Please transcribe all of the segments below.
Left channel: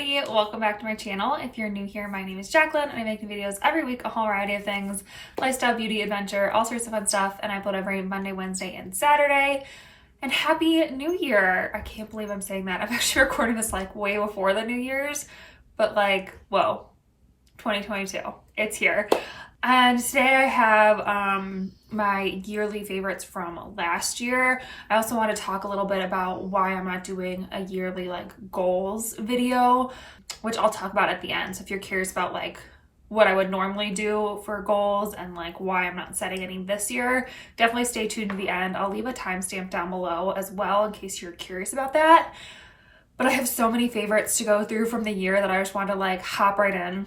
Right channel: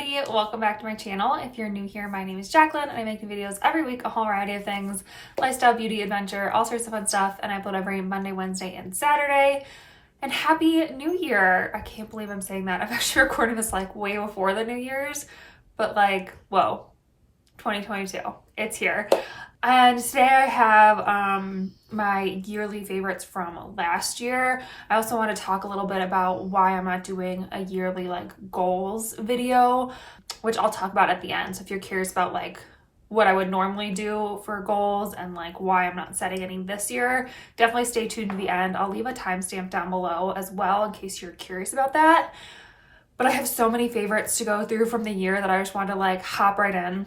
everybody, welcome back to my channel. If you're new here, my name is Jacqueline and I make videos every week, a whole variety of things, lifestyle, beauty, adventure, all sorts of fun stuff, and I upload every Monday, Wednesday, and Saturday. And Happy New Year! I can't believe I'm saying that. I'm actually recording this like way before the New Year's, but like, whoa, 2022, it's here. And today I have my yearly favorites from last year. I also want to talk a little bit about why I'm not doing a yearly like goals video, which I'll talk about at the end. So if you're curious about like what I would normally do for goals and like why I'm not setting any this year, definitely stay tuned to the end. I'll leave a timestamp down below as well in case you're curious about that. But I have so many favorites to go through from the year that I just want to like hop right in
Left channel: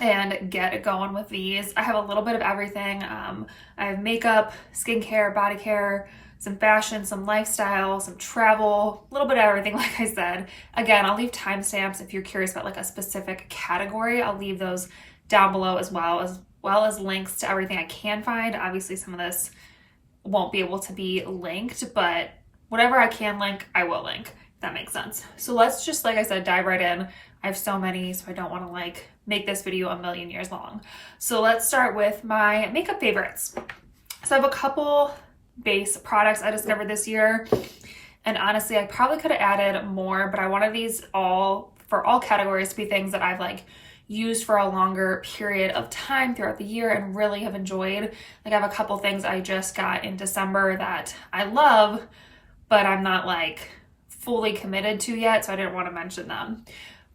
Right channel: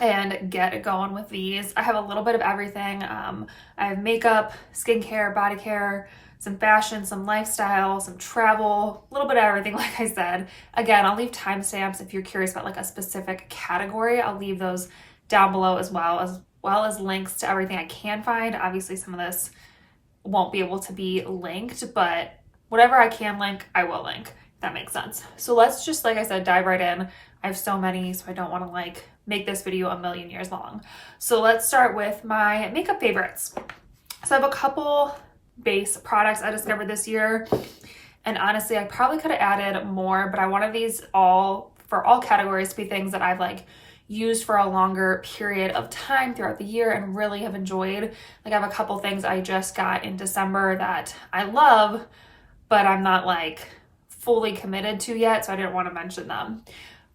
and get it going with these. I have a little bit of everything. I have makeup, skincare, body care, some fashion, some lifestyle, some travel, a little bit of everything, like I said. Again, I'll leave timestamps if you're curious about like a specific category. I'll leave those down below as well as links to everything I can find. Obviously, some of this won't be able to be linked, but whatever I can link, I will link, if that makes sense. So let's just, like I said, dive right in. I have so many, so I don't want to like make this video a million years long. So let's start with my makeup favorites. So I have a couple base products I discovered this year, and honestly, I probably could have added more, but I wanted these all for all categories to be things that I've like used for a longer period of time throughout the year and really have enjoyed. Like I have a couple things I just got in December that I love, but I'm not like fully committed to yet, so I didn't want to mention them.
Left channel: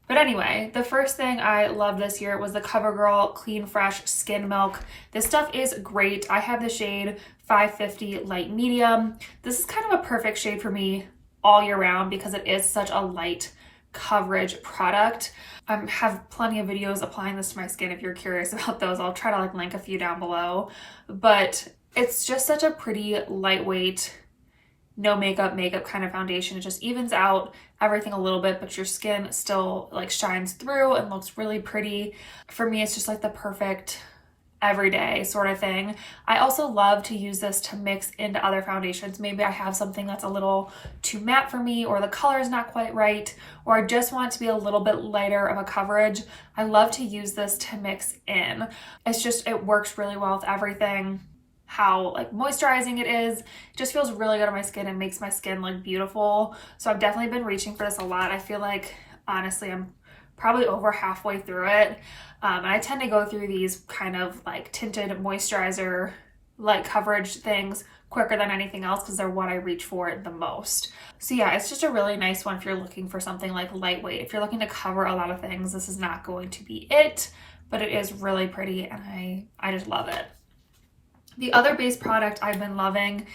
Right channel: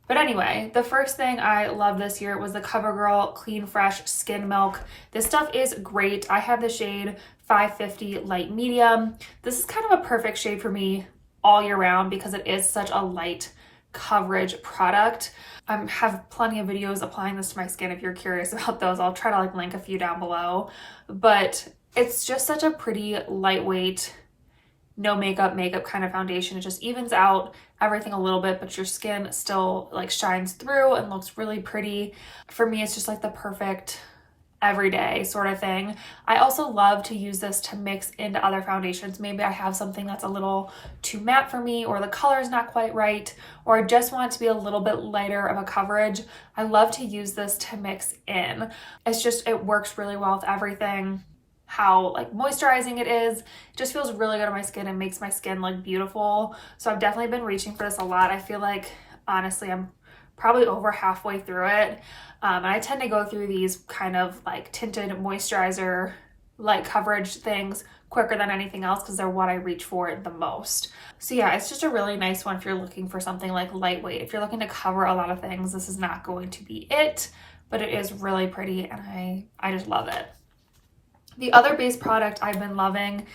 But anyway, the first thing I loved this year was the CoverGirl Clean Fresh Skin Milk. This stuff is great. I have the shade 550 Light Medium. This is kind of a perfect shade for me all year round because it is such a light coverage product. I have plenty of videos applying this to my skin if you're curious about those. I'll try to like link a few down below. But it's just such a pretty lightweight, no makeup kind of foundation. It just evens out everything a little bit, but your skin still like shines through and looks really pretty. For me, it's just like the perfect everyday sort of thing. I also love to use this to mix into other foundations. Maybe I have something that's a little too matte for me, or the color is not quite right, or I just want it to be a little bit lighter of a coverage. I love to use this to mix in. It works really well with everything. How like moisturizing it is. It just feels really good on my skin and makes my skin look beautiful. So I've definitely been reaching for this a lot. I feel like honestly I'm probably over halfway through it. And I tend to go through these kind of like tinted moisturizer light coverage things quicker than anything else because they're what I reach for the most. So yeah, it's just a really nice one if you're looking for something like lightweight. If you're looking to cover a lot of things, this is not going to be it, but it is really pretty and I just love it. The other base product I've been loving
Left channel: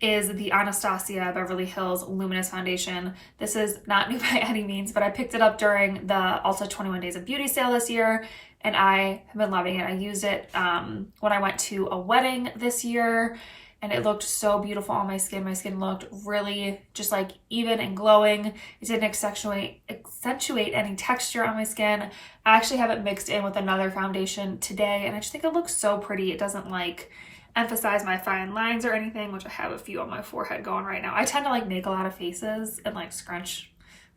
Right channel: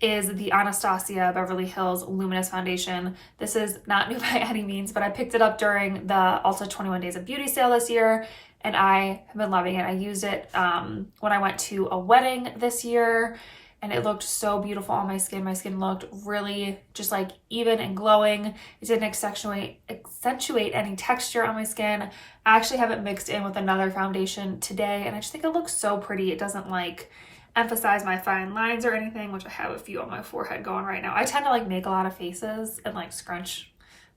is the Anastasia Beverly Hills Luminous Foundation. This is not new by any means, but I picked it up during the Ulta 21 Days of Beauty sale this year, and I have been loving it. I used it when I went to a wedding this year, and it looked so beautiful on my skin. My skin looked really just like even and glowing. It didn't accentuate any texture on my skin. I actually have it mixed in with another foundation today, and I just think it looks so pretty. It doesn't like emphasize my fine lines or anything, which I have a few on my forehead going right now. I tend to like make a lot of faces and like scrunch,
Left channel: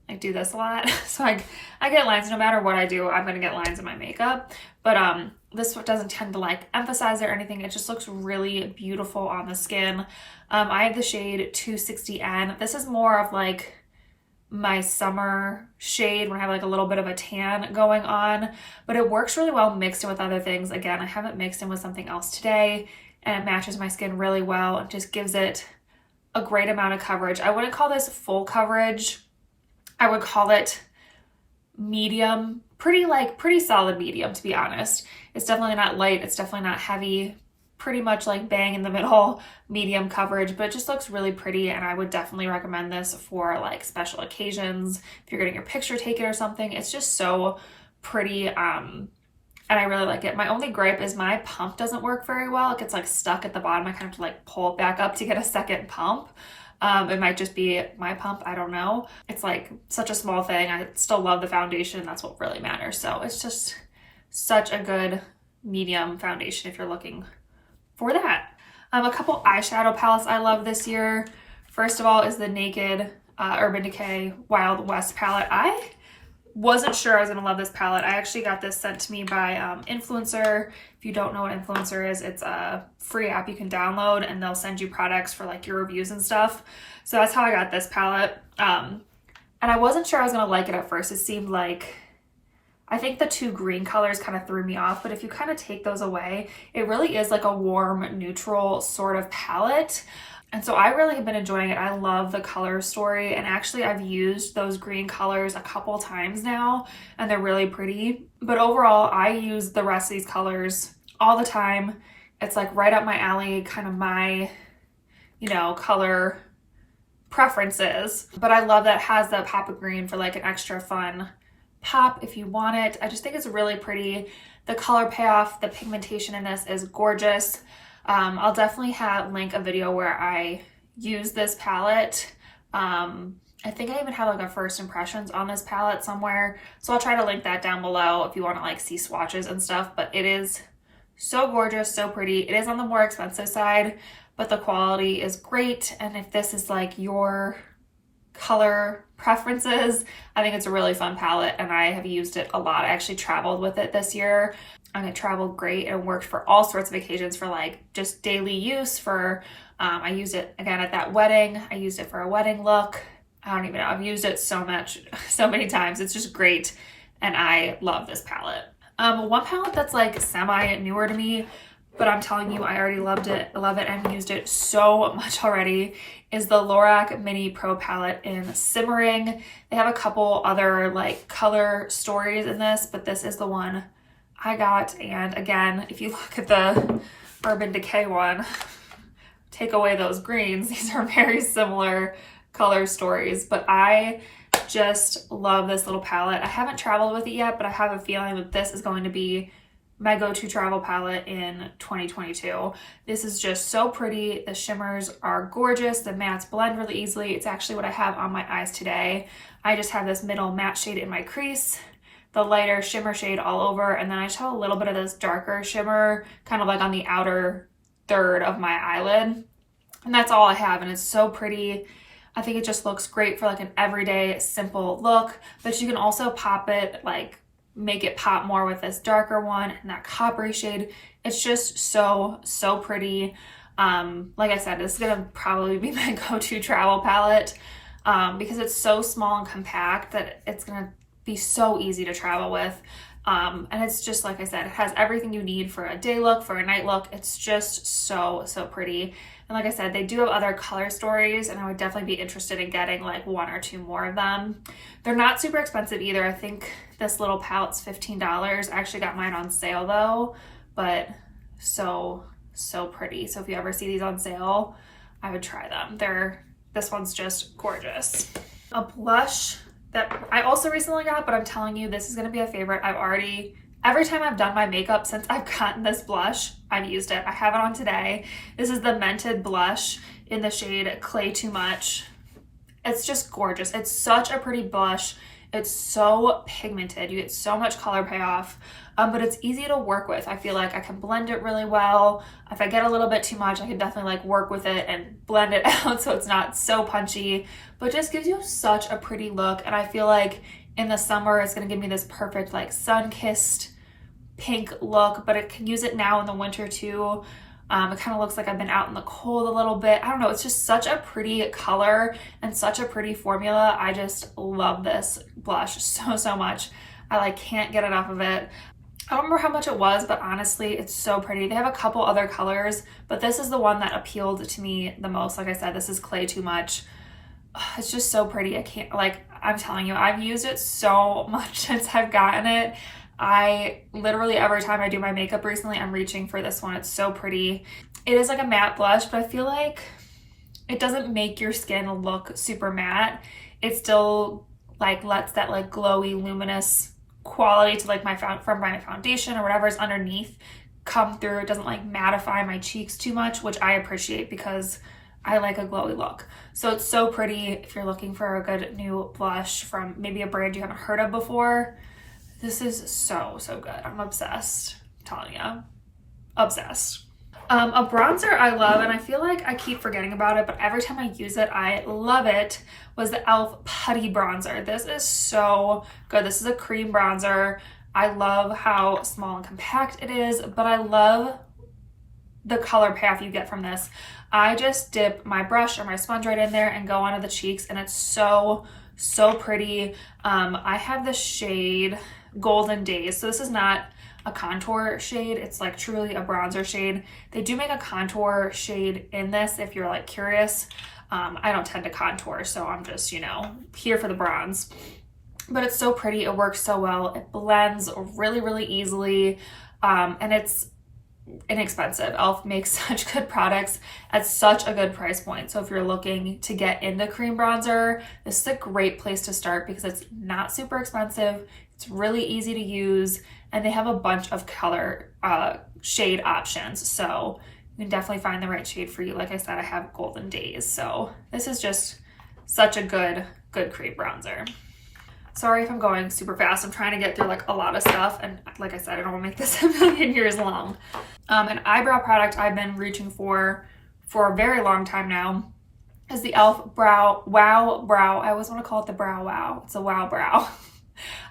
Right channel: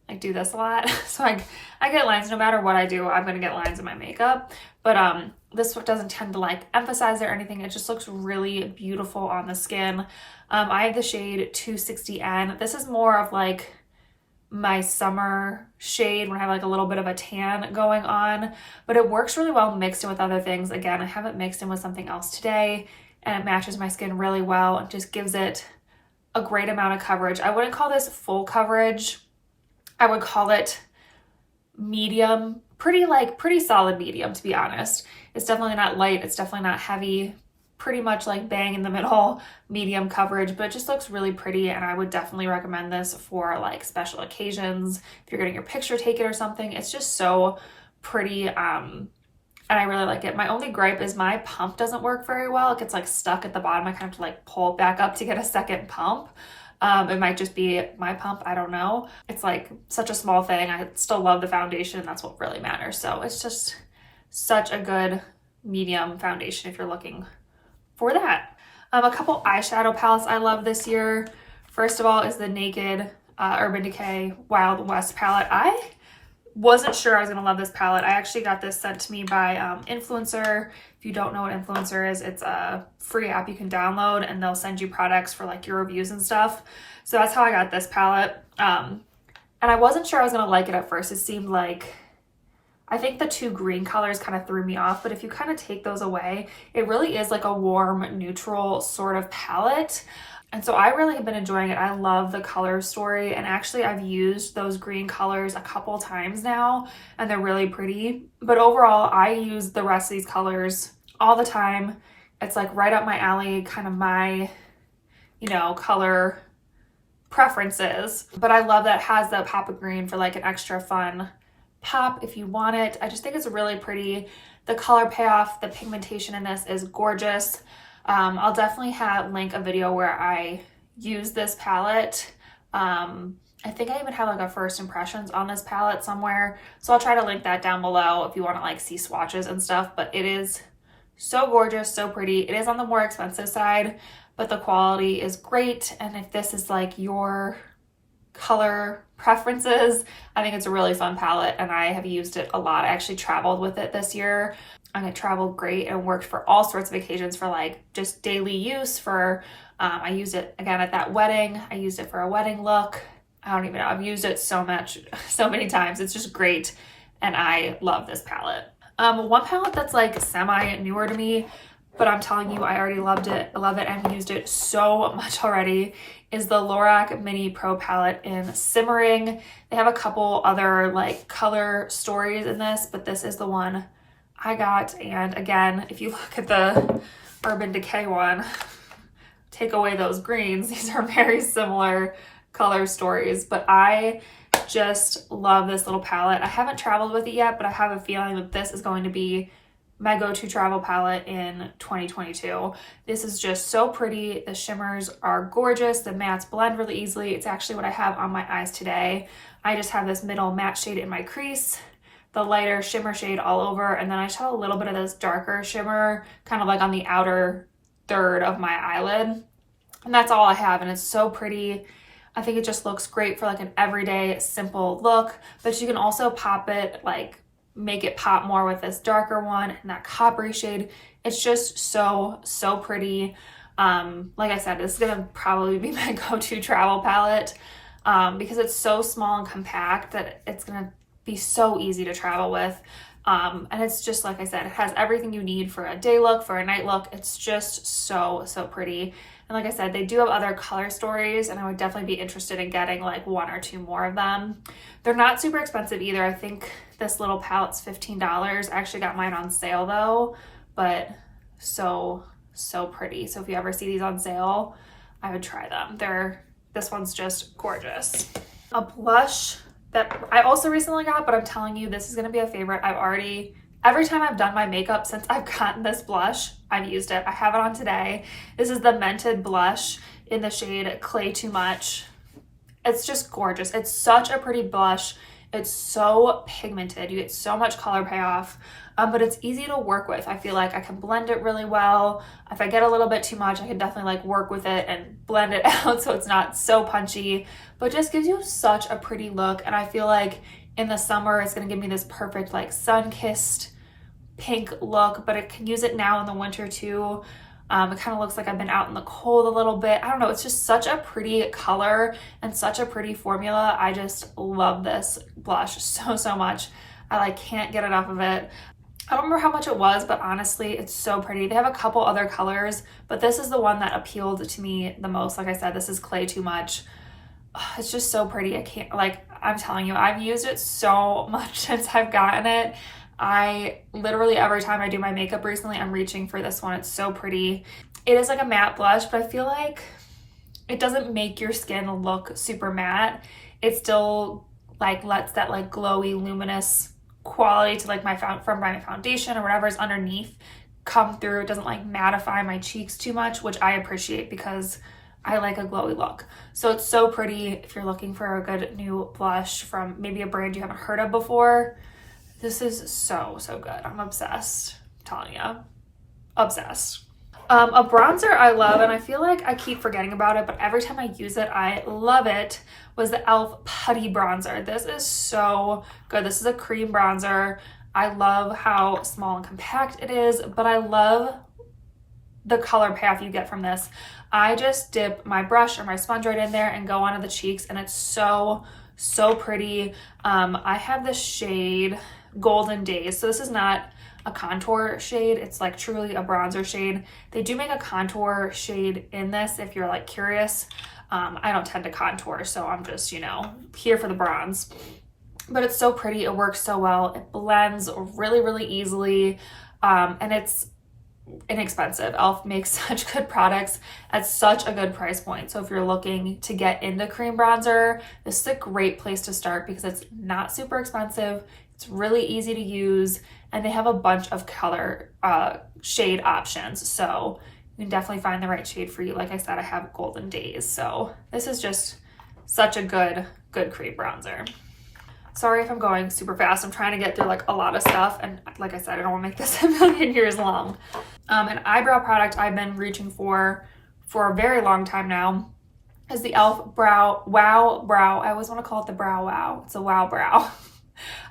like do this a lot. So I get lines no matter what I do. I'm gonna get lines in my makeup, but this doesn't tend to like emphasize it or anything. It just looks really beautiful on the skin. I have the shade 260N. This is more of like my summer shade when I have like a little bit of a tan going on, but it works really well mixed in with other things. Again, I have it mixed in with something else today, and it matches my skin really well. It just gives it a great amount of coverage. I wouldn't call this full coverage. I would call it medium, pretty solid medium, to be honest. It's definitely not light. It's definitely not heavy. Pretty much like bang in the middle, medium coverage, but it just looks really pretty. And I would definitely recommend this for like special occasions. If you're getting your picture taken or something, it's just so pretty. And I really like it. My only gripe is my pump doesn't work very well. It gets like stuck at the bottom. I kind of have to like pull it back up to get a second pump. It might just be my pump. I don't know. It's like such a small thing. I still love the foundation. That's what really matters. So it's just such a good medium foundation if you're looking for that. A couple eyeshadow palettes I love this year. First of all is the Naked Urban Decay Wild West palette. I wasn't sure I was gonna love this palette. I actually got this sent to me by Influencer. If you don't know what Influencer is, it's a free app you can download and they'll send you products for like your reviews and stuff. So that's how I got this palette. And I wasn't sure I was gonna like it at first. It seemed like, I think the two green colors kind of threw me off, but if you kind of take those away, it really is like a warm, neutral sort of palette. And so I really have been enjoying it. I love the color story, and actually I've used those green colors a couple times now and they're really pretty. But overall, I use the rest of these colors all the time. It's like right up my alley, kind of my, you know, color preferences. But I love that it has the pop of green for like an extra fun pop if you want it. I just think it's really pretty. The color payoff, the pigmentation in this is gorgeous. I'll definitely link a video where I use this palette. I think I even have like a first impressions on this palette somewhere, so I'll try to link that down below if you want to like see swatches and stuff. But it is so gorgeous, so pretty. It is on the more expensive side, but the quality is great. And if this is like your color preferences, I think it's a really fun palette and I have used it a lot. I actually traveled with it this year and it traveled great and worked for all sorts of occasions, for like just daily use. For I used it again at that wedding. I used it for a wedding look. I don't even know, I've used it so many times. It's just great and I love this palette. One palette that's like semi newer to me, but I'm telling you, I already loved it. I love it and used it so much already, is the Lorac Mini Pro palette in Simmering. They have a couple other like color stories in this, but this is the one I got. And again, if you look at the Urban Decay one, take away those greens, these are very similar color stories, but I just love this little palette. I haven't traveled with it yet, but I have a feeling that this is going to be my go-to travel palette in 2022. This is just so pretty. The shimmers are gorgeous. The mattes blend really easily. It's actually what I have on my eyes today. I just have this middle matte shade in my crease, the lighter shimmer shade all over, and then I just have a little bit of this darker shimmer kind of like on the outer third of my eyelid. And that's all I have, and it's so pretty. I think it just looks great for like an everyday simple look, but you can also pop it, like make it pop more with this darker one and that coppery shade. It's just so pretty. Like I said, this is gonna probably be my go-to travel palette because it's so small and compact that it's gonna be so easy to travel with. And it's just, like I said, it has everything you need for a day look, for a night look. It's just so pretty. And like I said, they do have other color stories and I would definitely be interested in getting like one or two more of them. They're not super expensive either. I think this little palette's $15. I actually got mine on sale though, but so pretty. So if you ever see these on sale, I would try them. This one's just gorgeous. A blush that I also recently got, but I'm telling you, this is gonna be a favorite. Every time I've done my makeup since I've gotten this blush, I've used it. I have it on today. This is the Mented blush in the shade Clay Too Much. It's just gorgeous. It's such a pretty blush. It's so pigmented. You get so much color payoff, but it's easy to work with. I feel like I can blend it really well. If I get a little bit too much, I can definitely like work with it and blend it out so it's not so punchy, but it just gives you such a pretty look. And I feel like in the summer, it's gonna give me this perfect like sun-kissed pink look, but it can use it now in the winter too. It kind of looks like I've been out in the cold a little bit. I don't know, it's just such a pretty color and such a pretty formula. I just love this blush so much. I like can't get enough of it. I don't remember how much it was, but honestly, it's so pretty. They have a couple other colors, but this is the one that appealed to me the most. Like I said, this is Clay Too Much. It's just so pretty. I'm telling you, I've used it so much since I've gotten it. I literally, every time I do my makeup recently, I'm reaching for this one. It's so pretty. It is like a matte blush, but I feel like it doesn't make your skin look super matte. It still like lets that like glowy, luminous quality to like from my foundation or whatever is underneath come through. It doesn't like mattify my cheeks too much, which I appreciate because I like a glowy look. So it's so pretty if you're looking for a good new blush from maybe a brand you haven't heard of before. This is so good. I'm obsessed. I'm telling you, obsessed. A bronzer I love, and I feel like I keep forgetting about it, but every time I use it, I love it, was the e.l.f. Putty Bronzer. This is so good. This is a cream bronzer. I love how small and compact it is, but I love the color path you get from this. I just dip my brush or my sponge right in there and go onto the cheeks, and it's so pretty. I have the shade Golden Days, so this is not a contour shade, it's like truly a bronzer shade. They do make a contour shade in this if you're like curious. I don't tend to contour, so I'm just, you know, here for the bronze. But it's so pretty, it works so well, it blends really easily, and it's inexpensive. e.l.f. makes such good products at such a good price point. So if you're looking to get into cream bronzer, this is a great place to start because it's not super expensive, it's really easy to use, and they have a bunch of color shade options. So you can definitely find the right shade for you. Like I said, I have Golden Days. So this is just such a good cream bronzer. Sorry if I'm going super fast. I'm trying to get through like a lot of stuff. And like I said, I don't want to make this a million years long. An eyebrow product I've been reaching for a very long time now is the e.l.f. Wow Brow. I always want to call it the Brow Wow. It's a Wow Brow.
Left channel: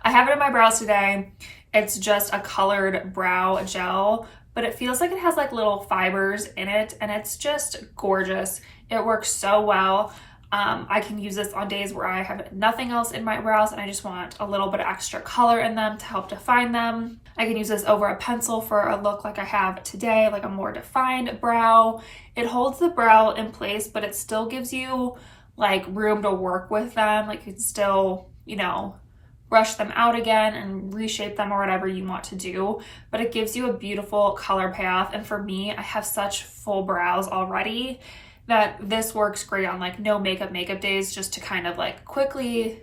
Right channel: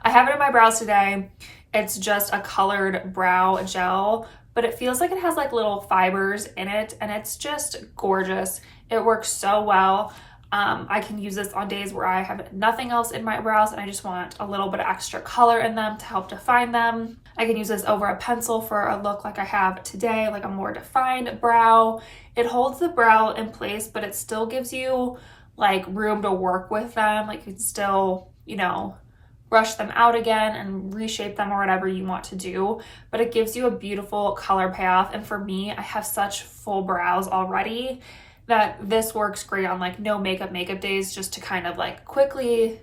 I have it in my brows today. It's just a colored brow gel, but it feels like it has like little fibers in it, and it's just gorgeous. It works so well. I can use this on days where I have nothing else in my brows and I just want a little bit of extra color in them to help define them. I can use this over a pencil for a look like I have today, like a more defined brow. It holds the brow in place, but it still gives you like room to work with them. Like you can still, you know, brush them out again and reshape them or whatever you want to do, but it gives you a beautiful color payoff. And for me, I have such full brows already that this works great on like no makeup days, just to kind of like quickly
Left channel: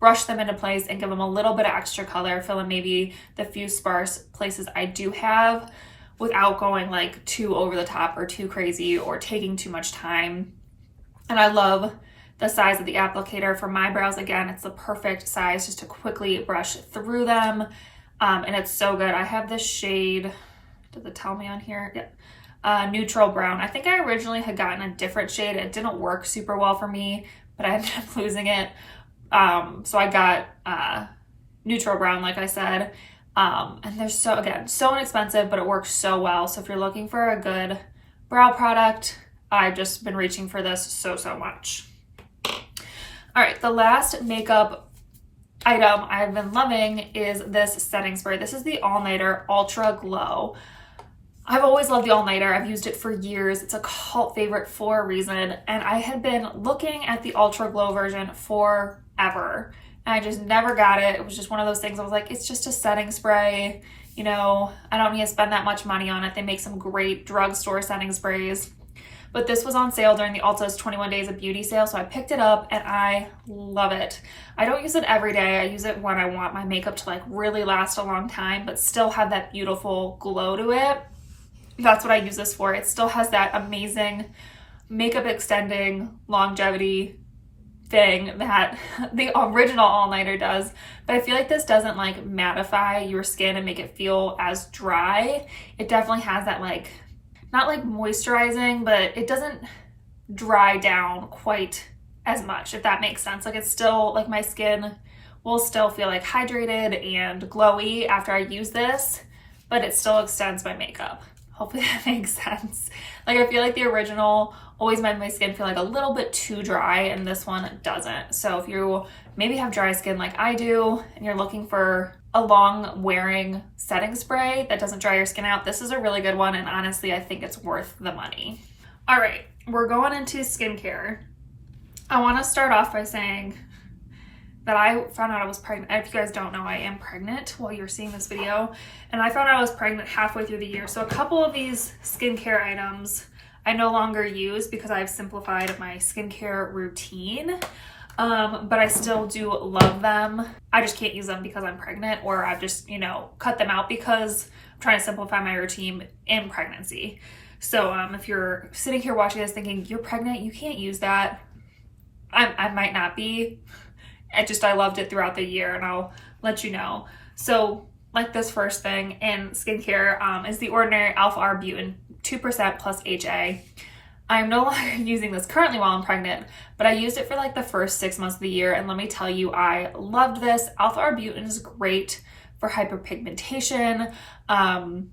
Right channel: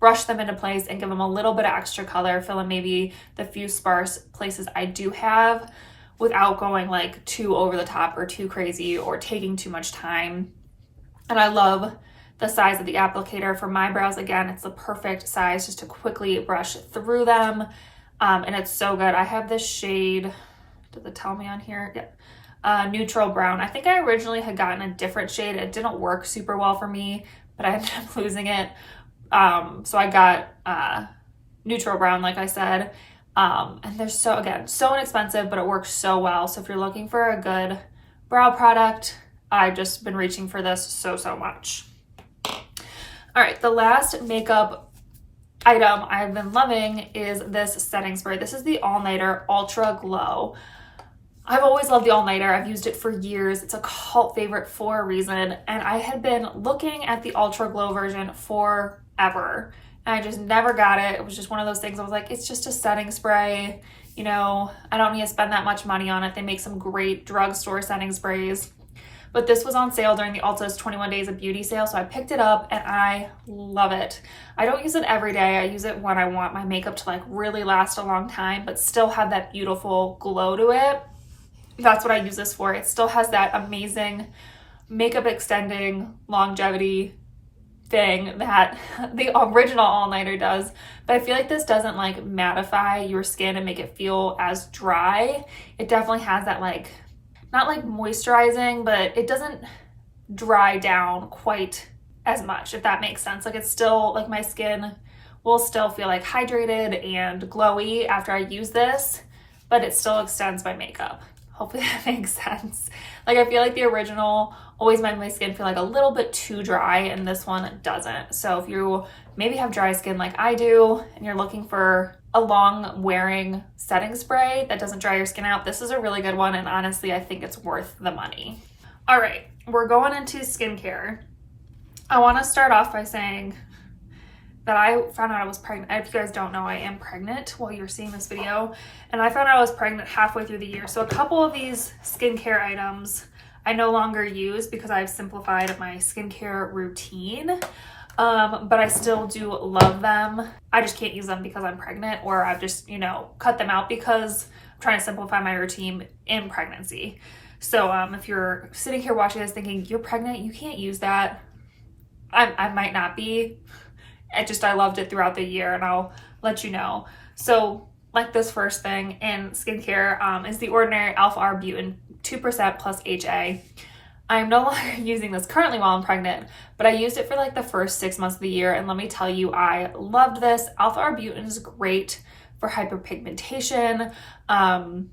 brush them into place and give them a little bit of extra color, fill in maybe the few sparse places I do have without going like too over the top or too crazy or taking too much time. And I love the size of the applicator for my brows. Again, it's the perfect size just to quickly brush through them. And it's so good. I have this shade, does it tell me on here? Yeah. Neutral brown. I think I originally had gotten a different shade. It didn't work super well for me, but I ended up losing it. So I got neutral brown, like I said. And they're so inexpensive, but it works so well. So if you're looking for a good brow product, I've just been reaching for this so much. All right, the last makeup item I've been loving is this setting spray. This is the All Nighter Ultra Glow. I've always loved the All Nighter. I've used it for years. It's a cult favorite for a reason. And I had been looking at the Ultra Glow version forever. And I just never got it. It was just one of those things I was like, it's just a setting spray. You know, I don't need to spend that much money on it. They make some great drugstore setting sprays. But this was on sale during the Ulta's 21 Days of Beauty sale, so I picked it up and I love it. I don't use it every day. I use it when I want my makeup to like really last a long time, but still have that beautiful glow to it. That's what I use this for. It still has that amazing makeup extending longevity thing that the original All Nighter does, but I feel like this doesn't like mattify your skin and make it feel as dry. It definitely has that like, not like moisturizing, but it doesn't dry down quite as much, if that makes sense. Like it's still like my skin will still feel like hydrated and glowy after I use this, but it still extends my makeup. Hopefully that makes sense. Like I feel like the original always made my skin feel like a little bit too dry, and this one doesn't. So if you maybe have dry skin like I do and you're looking for a long wearing setting spray that doesn't dry your skin out, this is a really good one, and honestly I think it's worth the money. All right, we're going into skincare. I want to start off by saying that I found out I was pregnant. If you guys don't know, I am pregnant while you're seeing this video, and I found out I was pregnant halfway through the year. So a couple of these skincare items I no longer use because I've simplified my skincare routine. But I still do love them. I just can't use them because I'm pregnant, or I've just, you know, cut them out because I'm trying to simplify my routine in pregnancy. So if you're sitting here watching this thinking you're pregnant, you can't use that, I might not be. I loved it throughout the year, and I'll let you know. So like this first thing in skincare is the Ordinary Alpha Arbutin 2% plus HA. I'm no longer using this currently while I'm pregnant, but I used it for like the first 6 months of the year, and let me tell you, I loved this. Alpha-arbutin is great for hyperpigmentation, and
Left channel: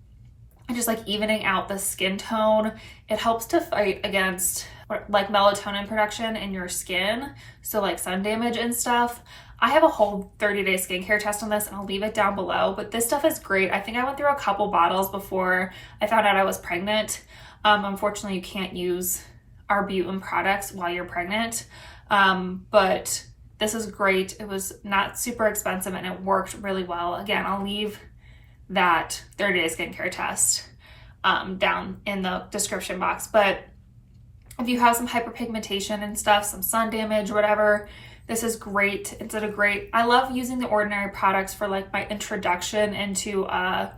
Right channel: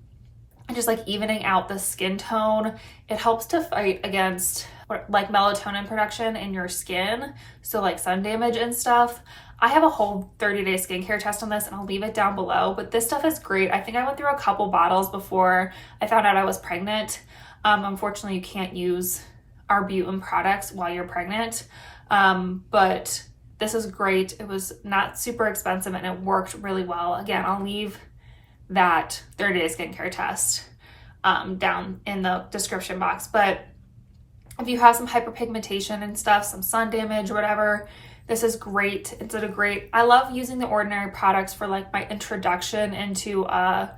just like evening out the skin tone. It helps to fight against like melatonin production in your skin, so like sun damage and stuff. I have a whole 30-day skincare test on this, and I'll leave it down below, but this stuff is great. I think I went through a couple bottles before I found out I was pregnant. Unfortunately, you can't use arbutin products while you're pregnant, but this is great. It was not super expensive and it worked really well. Again, I'll leave that 30-day skincare test down in the description box. But if you have some hyperpigmentation and stuff, some sun damage, whatever, this is great. I love using the Ordinary products for like my introduction into a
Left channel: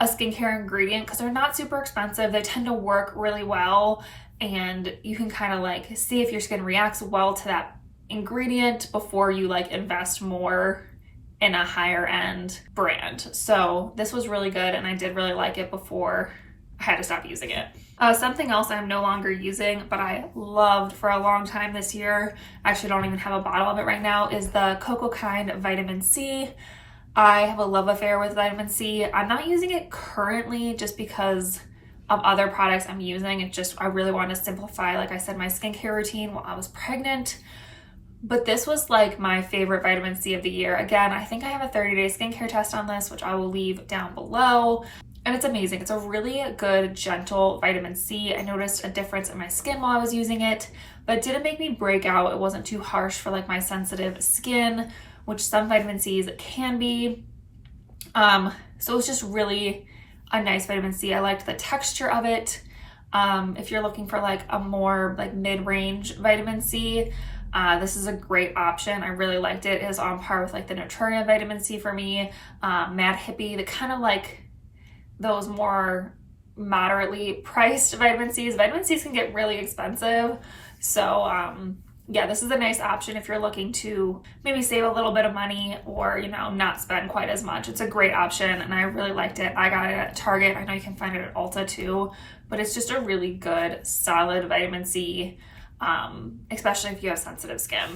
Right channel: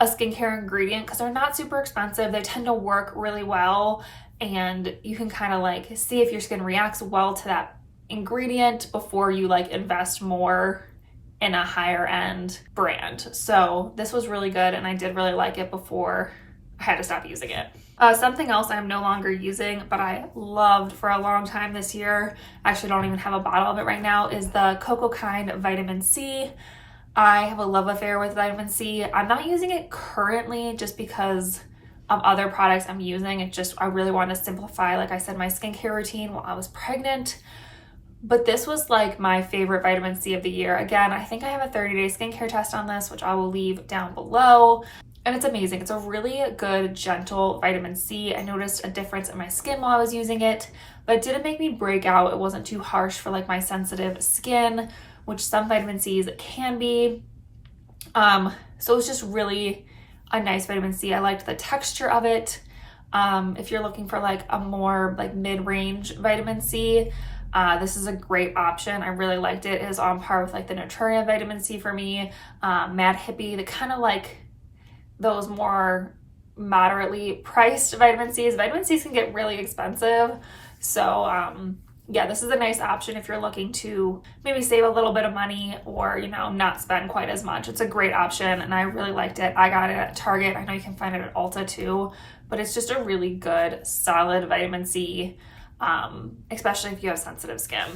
skincare ingredient because they're not super expensive. They tend to work really well, and you can kind of like see if your skin reacts well to that ingredient before you like invest more in a higher end brand. So this was really good, and I did really like it before I had to stop using it. Something else I'm no longer using, but I loved for a long time this year, I actually don't even have a bottle of it right now, is the Cocoa Kind Vitamin C. I have a love affair with vitamin C. I'm not using it currently just because of other products I'm using. I really want to simplify, like I said, my skincare routine while I was pregnant. But this was like my favorite vitamin C of the year. Again, I think I have a 30-day skincare test on this, which I will leave down below. And it's amazing. It's a really good, gentle vitamin C. I noticed a difference in my skin while I was using it, but it didn't make me break out. It wasn't too harsh for like my sensitive skin, which some vitamin C's can be. So it's just really a nice vitamin C. I liked the texture of it. If you're looking for like a more like mid-range vitamin C, this is a great option. I really liked it. It is on par with like the Naturium vitamin C for me, Mad Hippie, the kind of like those more moderately priced vitamin C's. Vitamin C's can get really expensive. So yeah, this is a nice option if you're looking to maybe save a little bit of money or, you know, not spend quite as much. It's a great option, and I really liked it. I got it at Target. I know you can find it at Ulta too, but it's just a really good, solid vitamin C, especially if you have sensitive skin.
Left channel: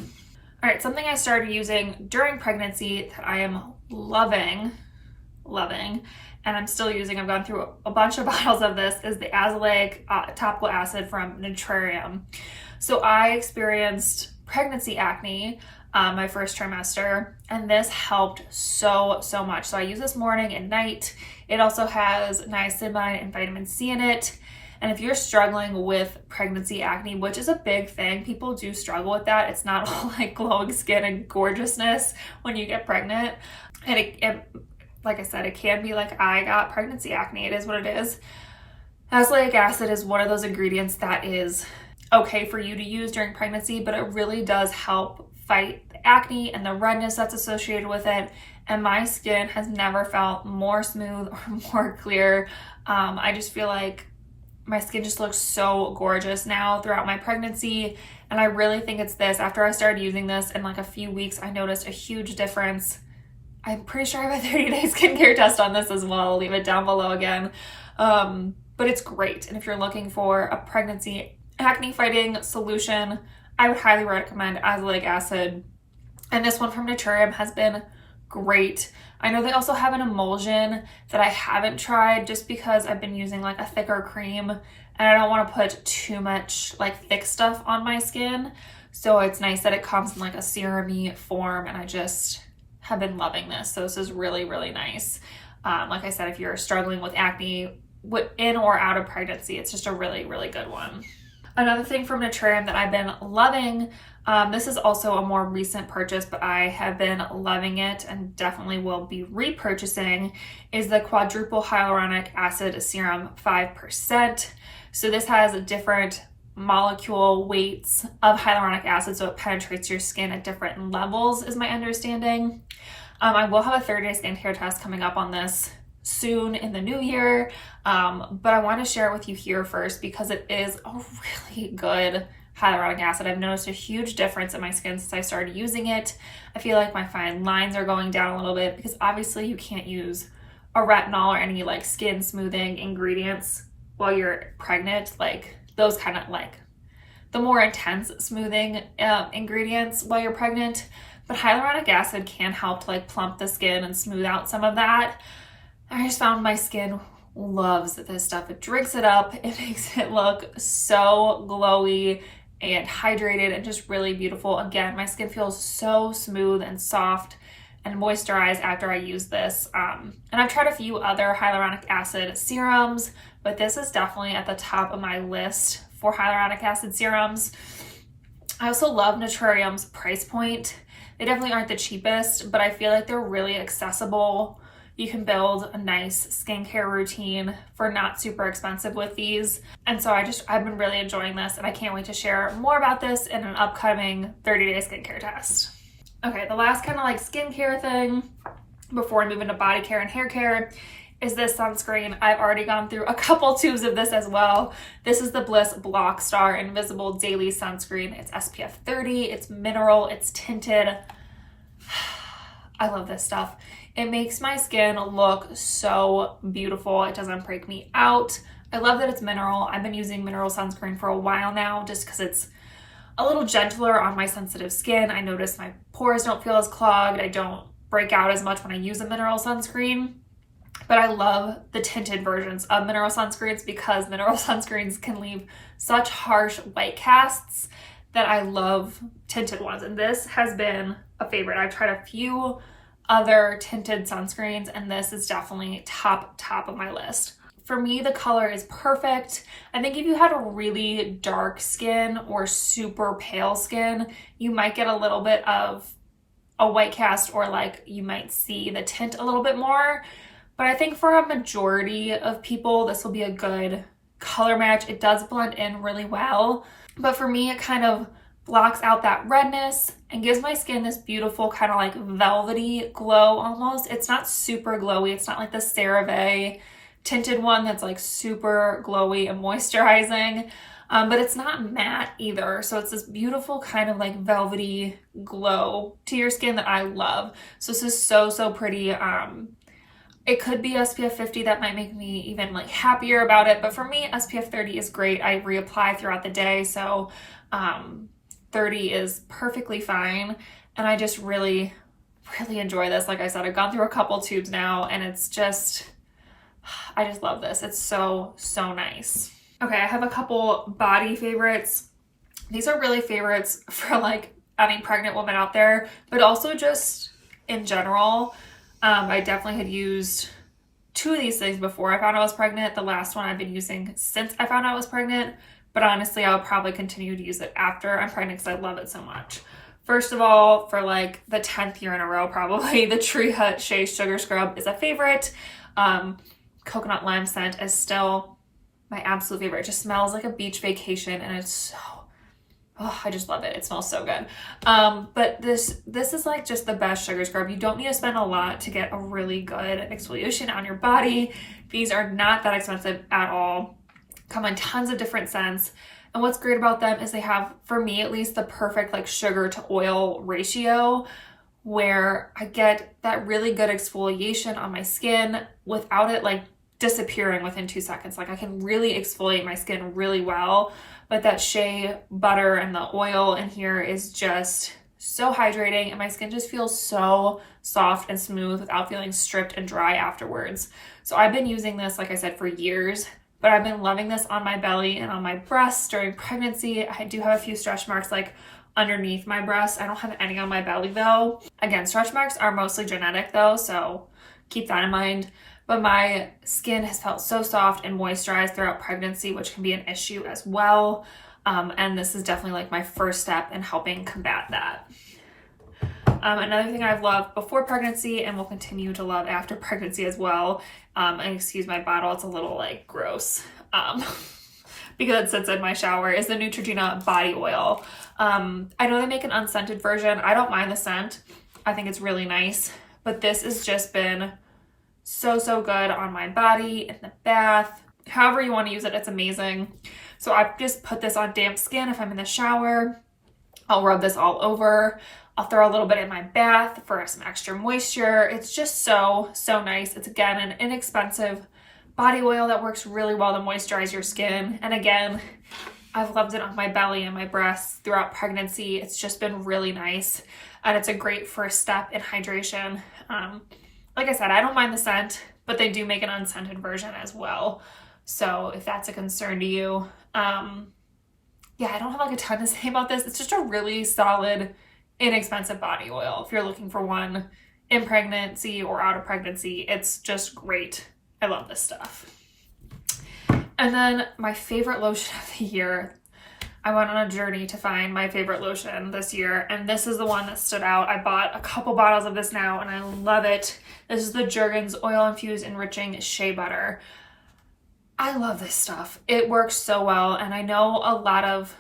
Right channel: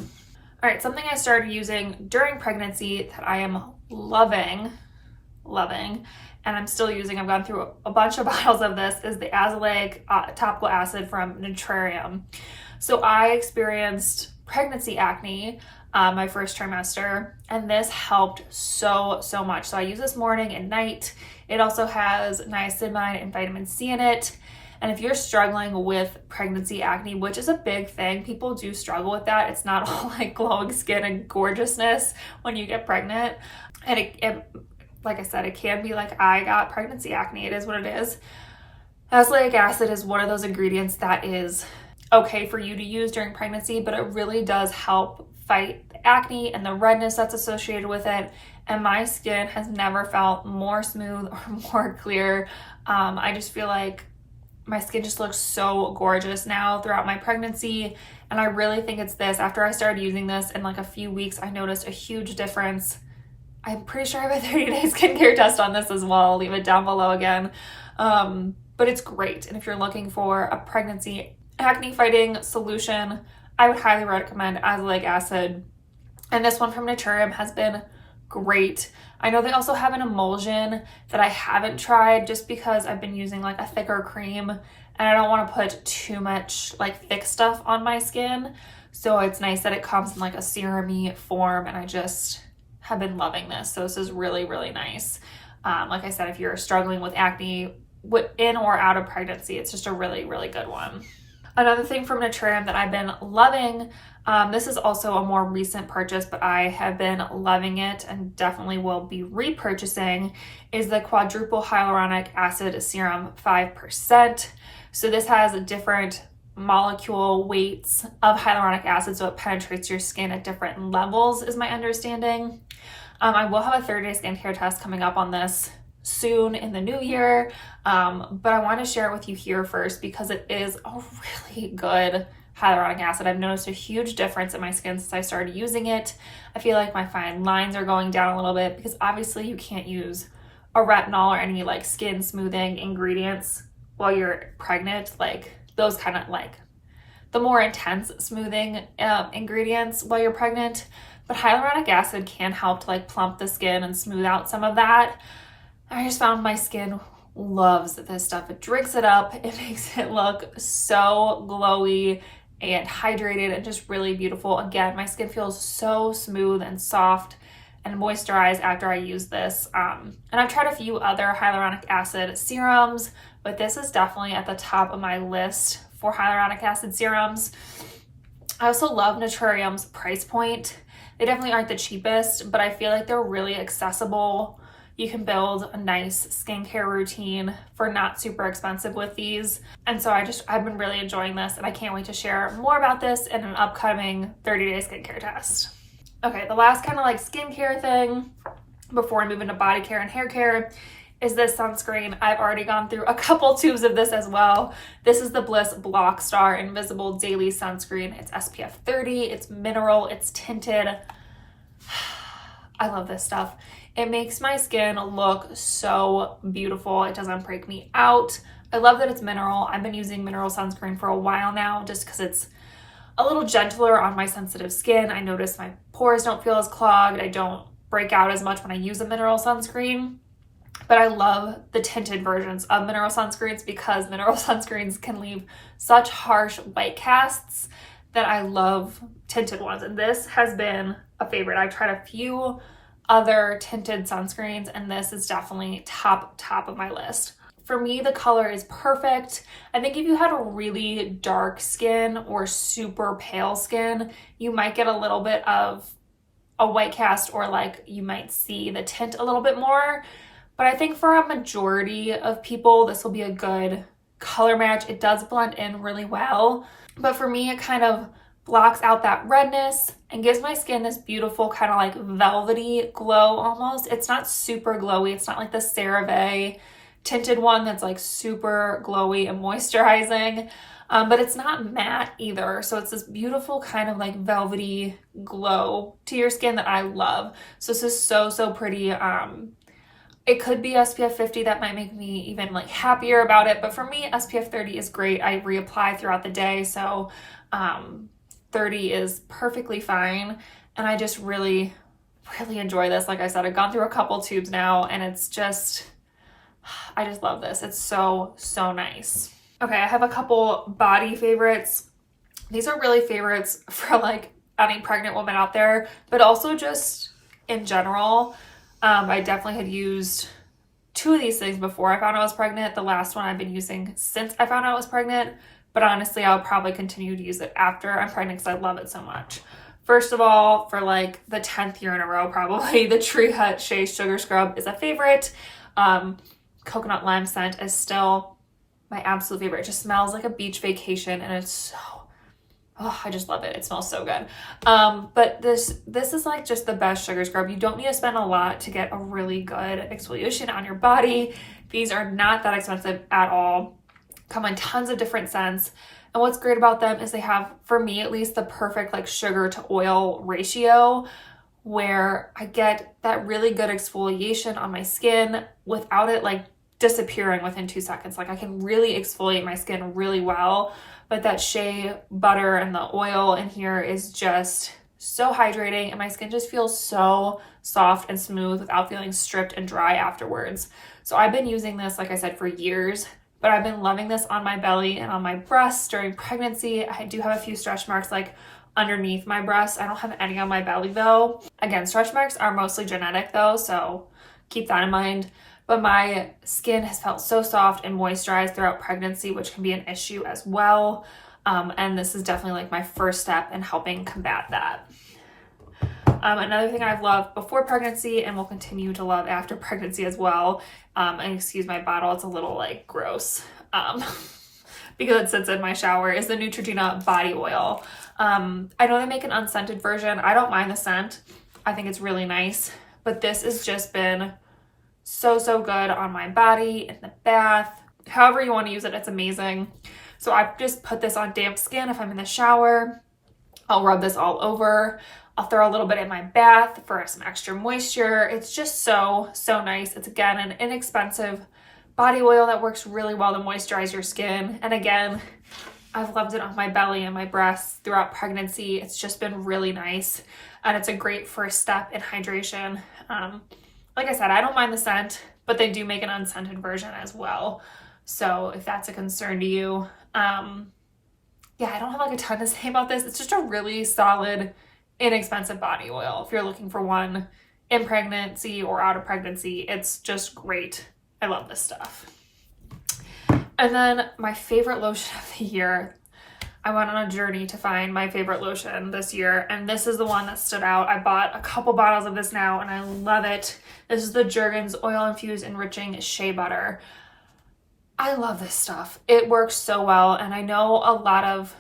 All right, something I started using during pregnancy that I am loving, and I'm still using, I've gone through a bunch of bottles of this, is the azelaic topical acid from Naturium. So I experienced pregnancy acne my first trimester, and this helped so much. So I use this morning and night. It also has niacinamide and vitamin C in it. And if you're struggling with pregnancy acne, which is a big thing, people do struggle with that. It's not all like glowing skin and gorgeousness when you get pregnant. And it like I said, it can be like I got pregnancy acne. It is what it is. Azelaic acid is one of those ingredients that is okay for you to use during pregnancy, but it really does help fight the acne and the redness that's associated with it. And my skin has never felt more smooth or more clear. I just feel like my skin just looks so gorgeous now throughout my pregnancy. And I really think it's this. After I started using this in like a few weeks, I noticed a huge difference. I'm pretty sure I have a 30-day skincare test on this as well. I'll leave it down below again. But it's great. And if you're looking for a pregnancy acne fighting solution, I would highly recommend azelaic acid. And this one from Naturium has been great. I know they also have an emulsion that I haven't tried just because I've been using like a thicker cream and I don't want to put too much like thick stuff on my skin. So it's nice that it comes in like a serum-y form, and I just have been loving this. So this is really nice. Like I said, if you're struggling with acne in or out of pregnancy, it's just a really good one. Another thing from Naturium that I've been loving, this is also a more recent purchase, but I have been loving it and definitely will be repurchasing, is the quadruple hyaluronic acid serum 5%. So this has different molecule weights of hyaluronic acid, so it penetrates your skin at different levels, is my understanding. I will have a 30-day skincare test coming up on this soon in the new year, but I want to share it with you here first because it is a really good hyaluronic acid. I've noticed a huge difference in my skin since I started using it. I feel like my fine lines are going down a little bit because obviously you can't use a retinol or any like skin smoothing ingredients while you're pregnant, like those kind of like the more intense smoothing ingredients while you're pregnant. But hyaluronic acid can help to like plump the skin and smooth out some of that. I just found my skin loves this stuff. It drinks it up. It makes it look so glowy and hydrated and just really beautiful. Again, my skin feels so smooth and soft and moisturized after I use this. And I've tried a few other hyaluronic acid serums, but this is definitely at the top of my list for hyaluronic acid serums. I also love Naturium's price point. They definitely aren't the cheapest, but I feel like they're really accessible. You can build a nice skincare routine for not super expensive with these. And so I've been really enjoying this, and I can't wait to share more about this in an upcoming 30-day skincare test. Okay, the last kind of like skincare thing before I move into body care and hair care is this sunscreen. I've already gone through a couple tubes of this as well. This is the Bliss Block Star Invisible Daily Sunscreen. It's SPF 30, it's mineral, it's tinted. I love this stuff. It makes my skin look so beautiful. It doesn't break me out. I love that it's mineral. I've been using mineral sunscreen for a while now just because it's a little gentler on my sensitive skin. I notice my pores don't feel as clogged. I don't break out as much when I use a mineral sunscreen. But I love the tinted versions of mineral sunscreens because mineral sunscreens can leave such harsh white casts that I love tinted ones. And this has been a favorite. I've tried a few other tinted sunscreens, and this is definitely top of my list. For me, the color is perfect. I think if you had a really dark skin or super pale skin, you might get a little bit of a white cast, or like you might see the tint a little bit more. But I think for a majority of people, this will be a good color match. It does blend in really well. But for me, it kind of blocks out that redness and gives my skin this beautiful kind of like velvety glow almost. It's not super glowy. It's not like the CeraVe tinted one that's like super glowy and moisturizing, but it's not matte either. So it's this beautiful kind of like velvety glow to your skin that I love. So this is so pretty. It could be SPF 50 that might make me even like happier about it. But for me, SPF 30 is great. I reapply throughout the day. So 30 is perfectly fine. And I just really enjoy this. Like I said, I've gone through a couple tubes now, and it's just, I just love this. It's so nice. Okay, I have a couple body favorites. These are really favorites for like any pregnant woman out there, but also just in general. I definitely had used two of these things before I found out I was pregnant. The last one I've been using since I found out I was pregnant, but honestly, I'll probably continue to use it after I'm pregnant because I love it so much. First of all, for like the 10th year in a row, probably the Tree Hut Shea Sugar Scrub is a favorite. Coconut lime scent is still my absolute favorite. It just smells like a beach vacation, and it's so, oh, I just love it. It smells so good. But this is like just the best sugar scrub. You don't need to spend a lot to get a really good exfoliation on your body. These are not that expensive at all. Come in tons of different scents. And what's great about them is they have, for me at least, the perfect like sugar to oil ratio, where I get that really good exfoliation on my skin without it like disappearing within 2 seconds. Like I can really exfoliate my skin really well, but that shea butter and the oil in here is just so hydrating, and my skin just feels so soft and smooth without feeling stripped and dry afterwards. So I've been using this, like I said, for years, but I've been loving this on my belly and on my breasts during pregnancy. I do have a few stretch marks like underneath my breasts. I don't have any on my belly though. Again, stretch marks are mostly genetic though, so keep that in mind. But my skin has felt so soft and moisturized throughout pregnancy, which can be an issue as well. And this is definitely like my first step in helping combat that. Another thing I've loved before pregnancy and will continue to love after pregnancy as well, and excuse my bottle, it's a little like gross because it sits in my shower, is the Neutrogena body oil. I know they make an unscented version. I don't mind the scent. I think it's really nice, but this has just been so good on my body, in the bath, however you want to use it, it's amazing. So I've just put this on damp skin if I'm in the shower. I'll rub this all over. I'll throw a little bit in my bath for some extra moisture. It's just so nice. It's again an inexpensive body oil that works really well to moisturize your skin. And again, I've loved it on my belly and my breasts throughout pregnancy. It's just been really nice. And it's a great first step in hydration. Like I said, I don't mind the scent, but they do make an unscented version as well. So if that's a concern to you, yeah, I don't have like a ton to say about this. It's just a really solid, inexpensive body oil. If you're looking for one in pregnancy or out of pregnancy, it's just great. I love this stuff. And then my favorite lotion of the year, I went on a journey to find my favorite lotion this year, and this is the one that stood out. I bought a couple bottles of this now, and I love it. This is the Jergens Oil Infused Enriching Shea Butter. I love this stuff. It works so well, and I know a lot of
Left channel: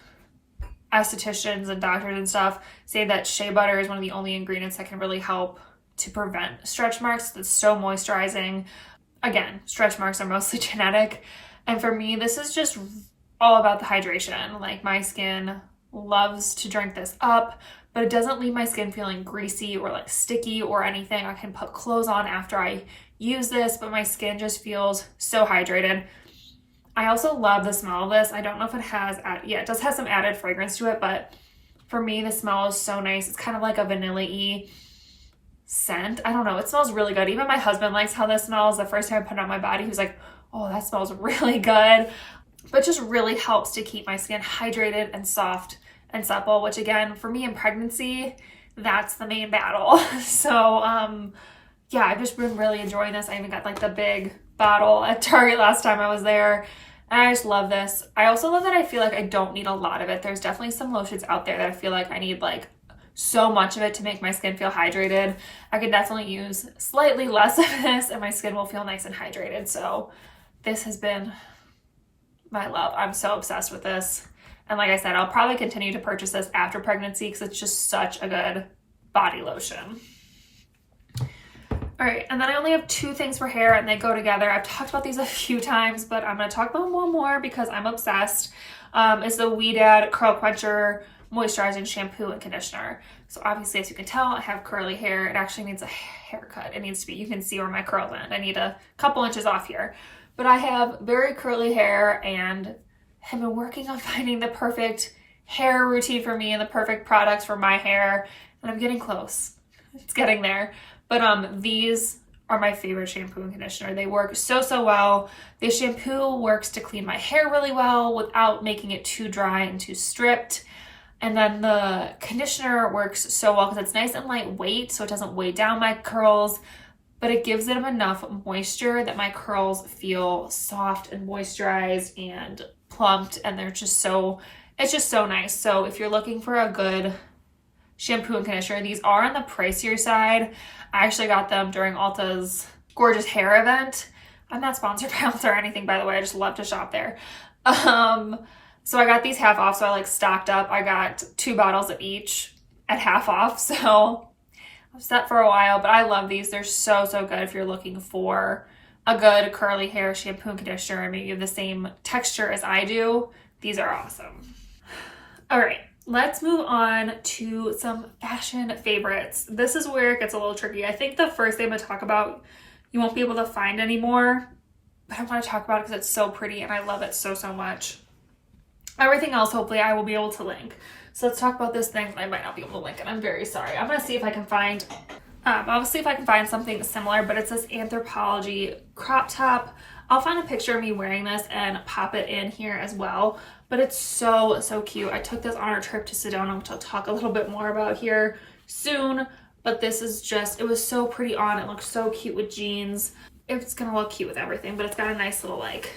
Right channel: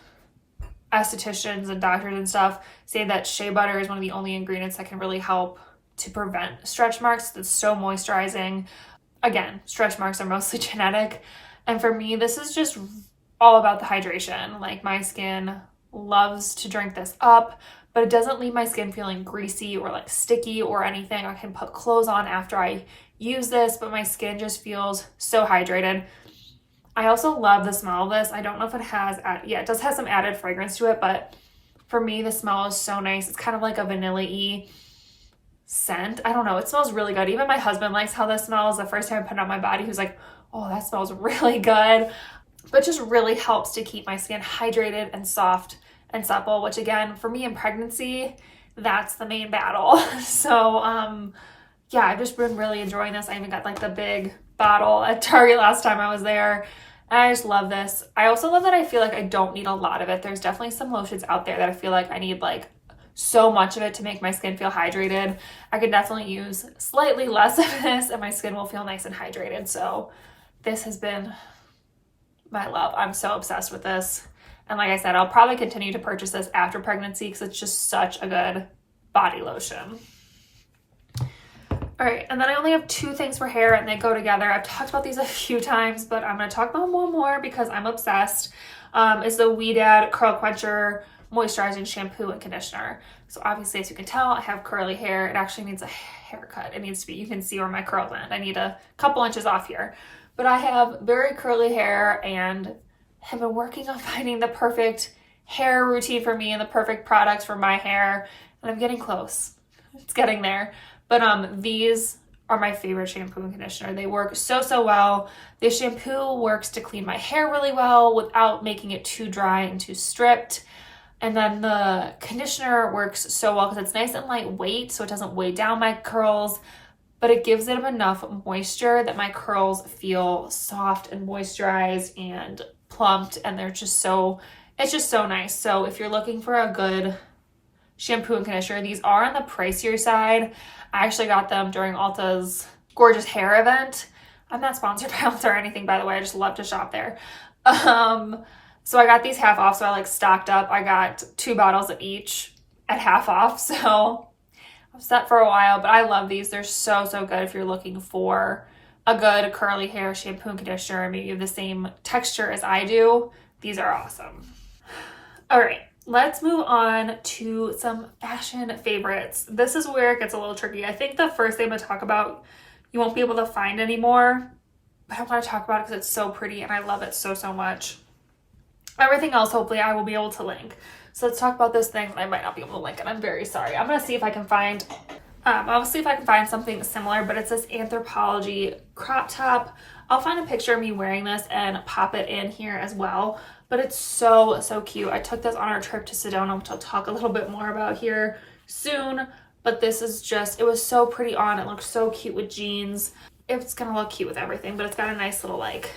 estheticians and doctors and stuff say that shea butter is one of the only ingredients that can really help to prevent stretch marks. It's so moisturizing. Again, stretch marks are mostly genetic, and for me, this is just all about the hydration. Like, my skin loves to drink this up, but it doesn't leave my skin feeling greasy or like sticky or anything. I can put clothes on after I use this, but my skin just feels so hydrated. I also love the smell of this. I don't know if it has, yeah, it does have some added fragrance to it, but for me, the smell is so nice. It's kind of like a vanilla-y scent. I don't know. It smells really good. Even my husband likes how this smells. The first time I put it on my body, he was like, oh, that smells really good. But just really helps to keep my skin hydrated and soft and supple, which again, for me in pregnancy, that's the main battle. So, yeah, I've just been really enjoying this. I even got like the big bottle at Target last time I was there. And I just love this. I also love that I feel like I don't need a lot of it. There's definitely some lotions out there that I feel like I need like so much of it to make my skin feel hydrated. I could definitely use slightly less of this and my skin will feel nice and hydrated. So this has been my love. I'm so obsessed with this. And like I said, I'll probably continue to purchase this after pregnancy because it's just such a good body lotion. All right, and then I only have two things for hair and they go together. I've talked about these a few times, but I'm gonna talk about one more because I'm obsessed. It's the Ouidad Curl Quencher Moisturizing Shampoo and Conditioner. So obviously, as you can tell, I have curly hair. It actually needs a haircut. It needs to be, you can see where my curls end. I need a couple inches off here. But I have very curly hair and have been working on finding the perfect hair routine for me and the perfect products for my hair. And I'm getting close. It's getting there. But these are my favorite shampoo and conditioner. They work so well. The shampoo works to clean my hair really well without making it too dry and too stripped. And then the conditioner works so well because it's nice and lightweight, so it doesn't weigh down my curls, but it gives them enough moisture that my curls feel soft and moisturized and plumped, and they're just so, it's just so nice. So if you're looking for a good shampoo and conditioner, these are on the pricier side. I actually got them during Ulta's Gorgeous Hair event. I'm not sponsored by Ulta or anything, by the way. I just love to shop there. So I got these half off, so I like stocked up. I got 2 bottles of each at half off, so I've set for a while, but I love these. They're so good if you're looking for a good curly hair shampoo and conditioner and maybe have the same texture as I do. These are awesome. All right. Let's move on to some fashion favorites. This is where it gets a little tricky. I think the first thing I'm going to talk about, you won't be able to find anymore, but I want to talk about it because it's so pretty and I love it so much. Everything else, hopefully, I will be able to link. So let's talk about this thing. I might not be able to link it. I'm very sorry. I'm going to see if I can find, something similar, but it's this Anthropologie crop top. I'll find a picture of me wearing this and pop it in here as well. But it's so cute. I took this on our trip to Sedona, which I'll talk a little bit more about here soon. But this is just, it was so pretty on. It looks so cute with jeans. It's gonna look cute with everything, but it's got a nice little like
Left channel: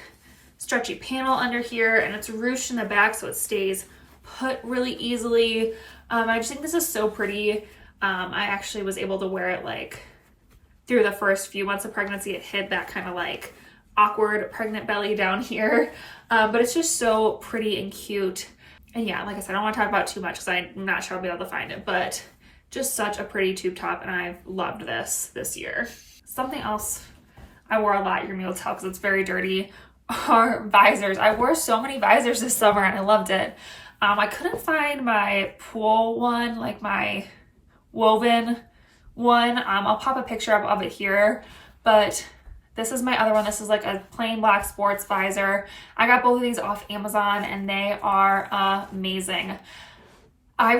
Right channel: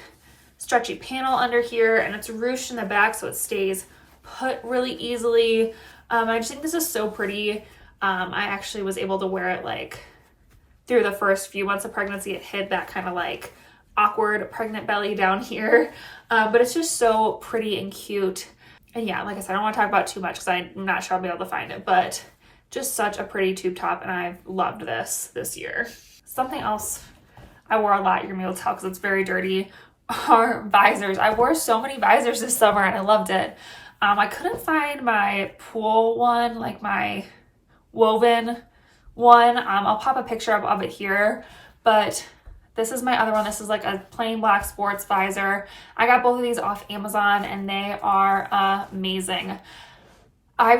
stretchy panel under here, and it's ruched in the back so it stays put really easily. I just think this is so pretty. I actually was able to wear it like through the first few months of pregnancy. It hid that kind of like awkward pregnant belly down here, but it's just so pretty and cute. And yeah, like I said, I don't want to talk about it too much because I'm not sure I'll be able to find it, but just such a pretty tube top, and I've loved this year. Something else I wore a lot, you're gonna be able to tell because it's very dirty, are visors. I wore so many visors this summer and I loved it. I couldn't find my pool one, like my woven one. I'll pop a picture of it here, but This is my other one. This is like a plain black sports visor. I got both of these off Amazon and they are amazing. I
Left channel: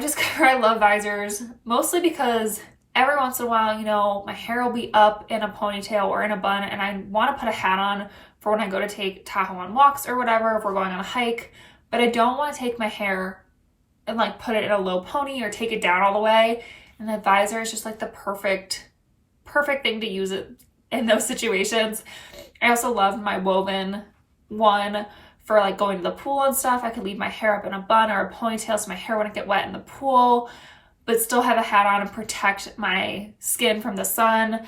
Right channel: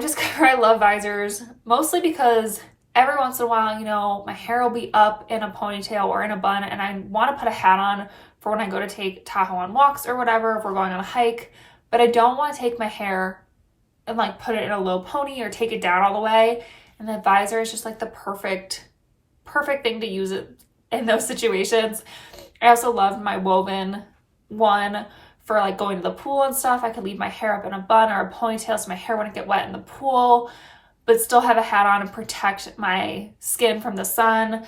love visors, mostly because every once in a while, you know, my hair will be up in a ponytail or in a bun and I want to put a hat on for when I go to take Tahoe on walks or whatever, if we're going on a hike, but I don't want to take my hair and like put it in a low pony or take it down all the way. And the visor is just like the perfect thing to use it in those situations. I also love my woven one for like going to the pool and stuff. I could leave my hair up in a bun or a ponytail so my hair wouldn't get wet in the pool, but still have a hat on and protect my skin from the sun.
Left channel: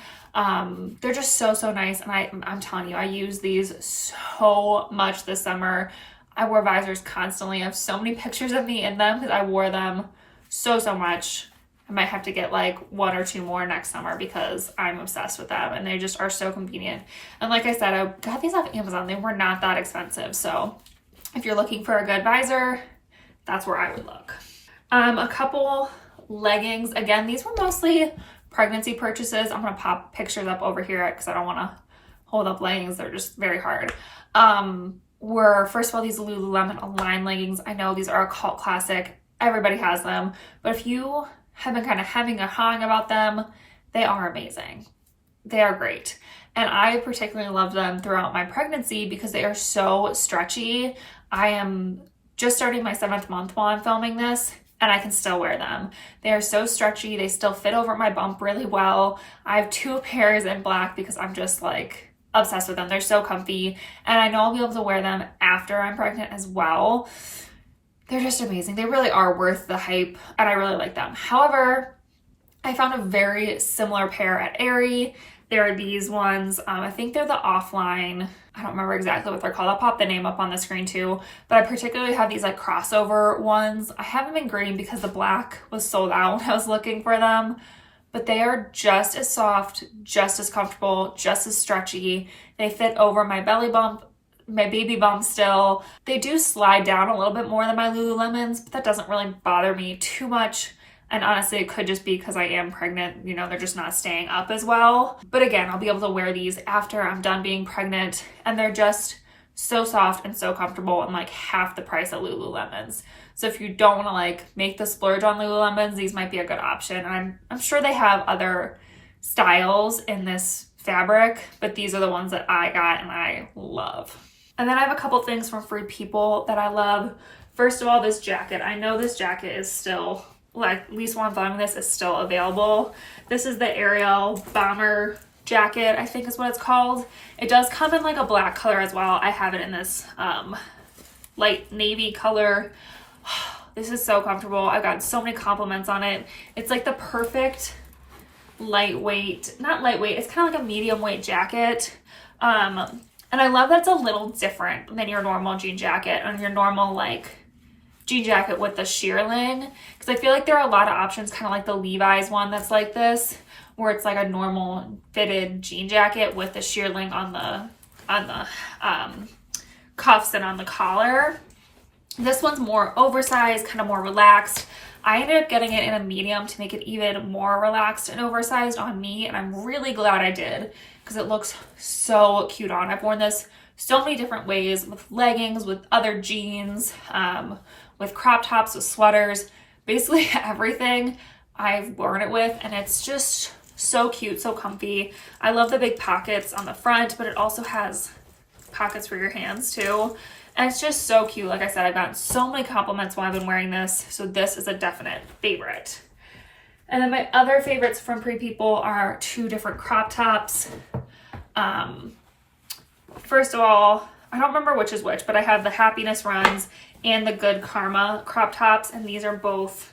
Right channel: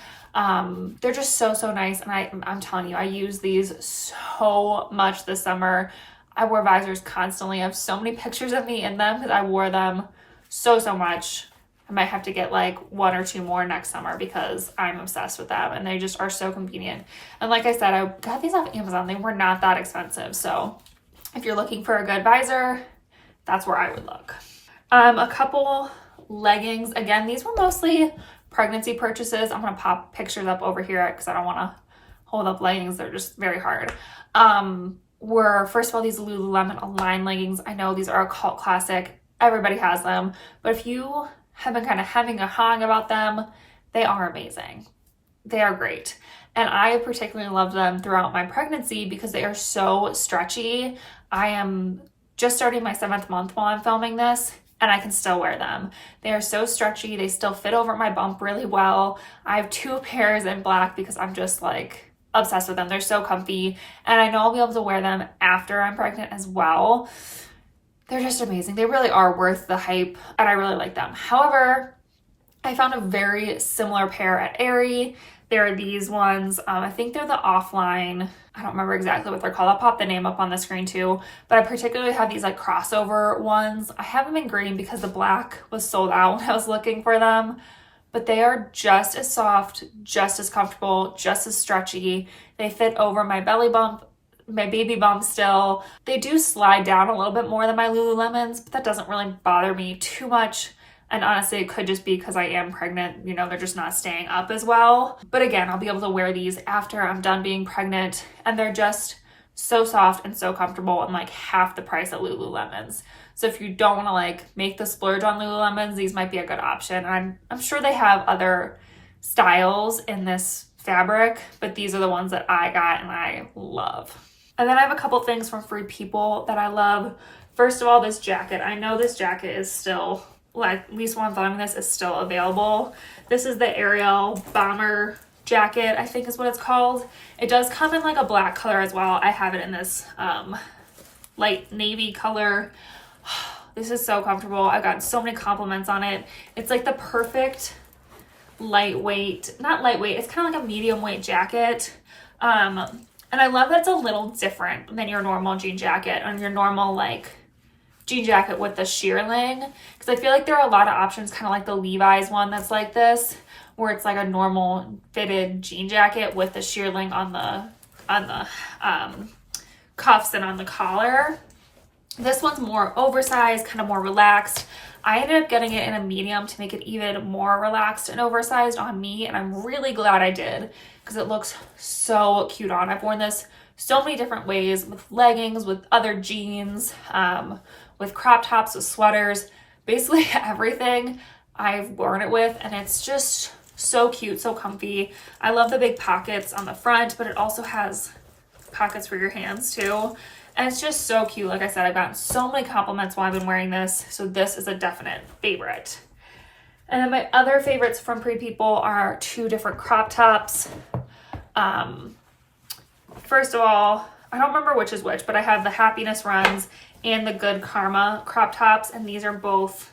They're just so nice. And I'm telling you, I use these so much this summer. I wore visors constantly. I have so many pictures of me in them because I wore them so much. I might have to get like 1 or 2 more next summer because I'm obsessed with them and they just are so convenient. And like I said, I got these off Amazon. They were not that expensive. So if you're looking for a good visor, that's where I would look. A couple leggings. Again, these were mostly pregnancy purchases. I'm going to pop pictures up over here because I don't want to hold up leggings. They're just very hard. Were first of all, these Lululemon Align leggings. I know these are a cult classic. Everybody has them. But if you have been kind of hemming and hawing about them, they are amazing. They are great. And I particularly love them throughout my pregnancy because they are so stretchy. I am just starting my 7th month while I'm filming this and I can still wear them. They are so stretchy. They still fit over my bump really well. I have 2 pairs in black because I'm just like obsessed with them. They're so comfy and I know I'll be able to wear them after I'm pregnant as well. They're just amazing. They really are worth the hype and I really like them. However, I found a very similar pair at Aerie. They're these ones. I think they're the Offline. I don't remember exactly what they're called. I'll pop the name up on the screen too. But I particularly have these like crossover ones. I have them in green because the black was sold out when I was looking for them. But they are just as soft, just as comfortable, just as stretchy. They fit over my belly bump, my baby bump still. They do slide down a little bit more than my Lululemons, but that doesn't really bother me too much. And honestly, it could just be because I am pregnant. You know, they're just not staying up as well. But again, I'll be able to wear these after I'm done being pregnant. And they're just so soft and so comfortable and like half the price of Lululemons. So if you don't want to like make the splurge on Lululemons, these might be a good option. And I'm sure they have other styles in this fabric, but these are the ones that I got and I love. And then I have a couple things from Free People that I love. First of all, this jacket. I know this jacket is still, like, at least while I'm filming this, is still available. This is the Ariel Bomber jacket, I think is what it's called. It does come in like a black color as well. I have it in this light navy color. This is so comfortable. I've gotten so many compliments on it. It's like the perfect lightweight, not lightweight, it's kind of like a medium weight jacket. And I love that it's a little different than your normal jean jacket and your normal like jean jacket with the shearling. Because I feel like there are a lot of options, kind of like the Levi's one that's like this, where it's like a normal fitted jean jacket with the shearling on the cuffs and on the collar. This one's more oversized, kind of more relaxed. I ended up getting it in a medium to make it even more relaxed and oversized on me, and I'm really glad I did because it looks so cute on. I've worn this so many different ways, with leggings, with other jeans, with crop tops, with sweaters, basically everything I've worn it with, and it's just so cute, so comfy. I love the big pockets on the front, but it also has pockets for your hands too. And it's just so cute. Like I said, I've gotten so many compliments while I've been wearing this. So this is a definite favorite. And then my other favorites from Free People are 2 different crop tops. First of all, I don't remember which is which, but I have the Happiness Runs and the Good Karma crop tops. And these are both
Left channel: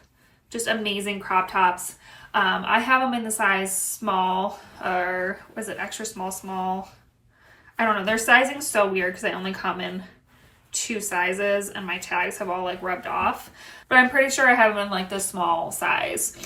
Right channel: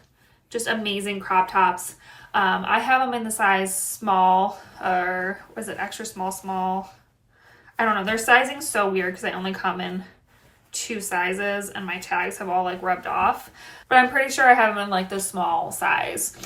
just amazing crop tops. I have them in the size small, or was it extra small? I don't know. Their sizing's so weird because they only come in 2 sizes and my tags have all like rubbed off, but I'm pretty sure I have them in like the small size.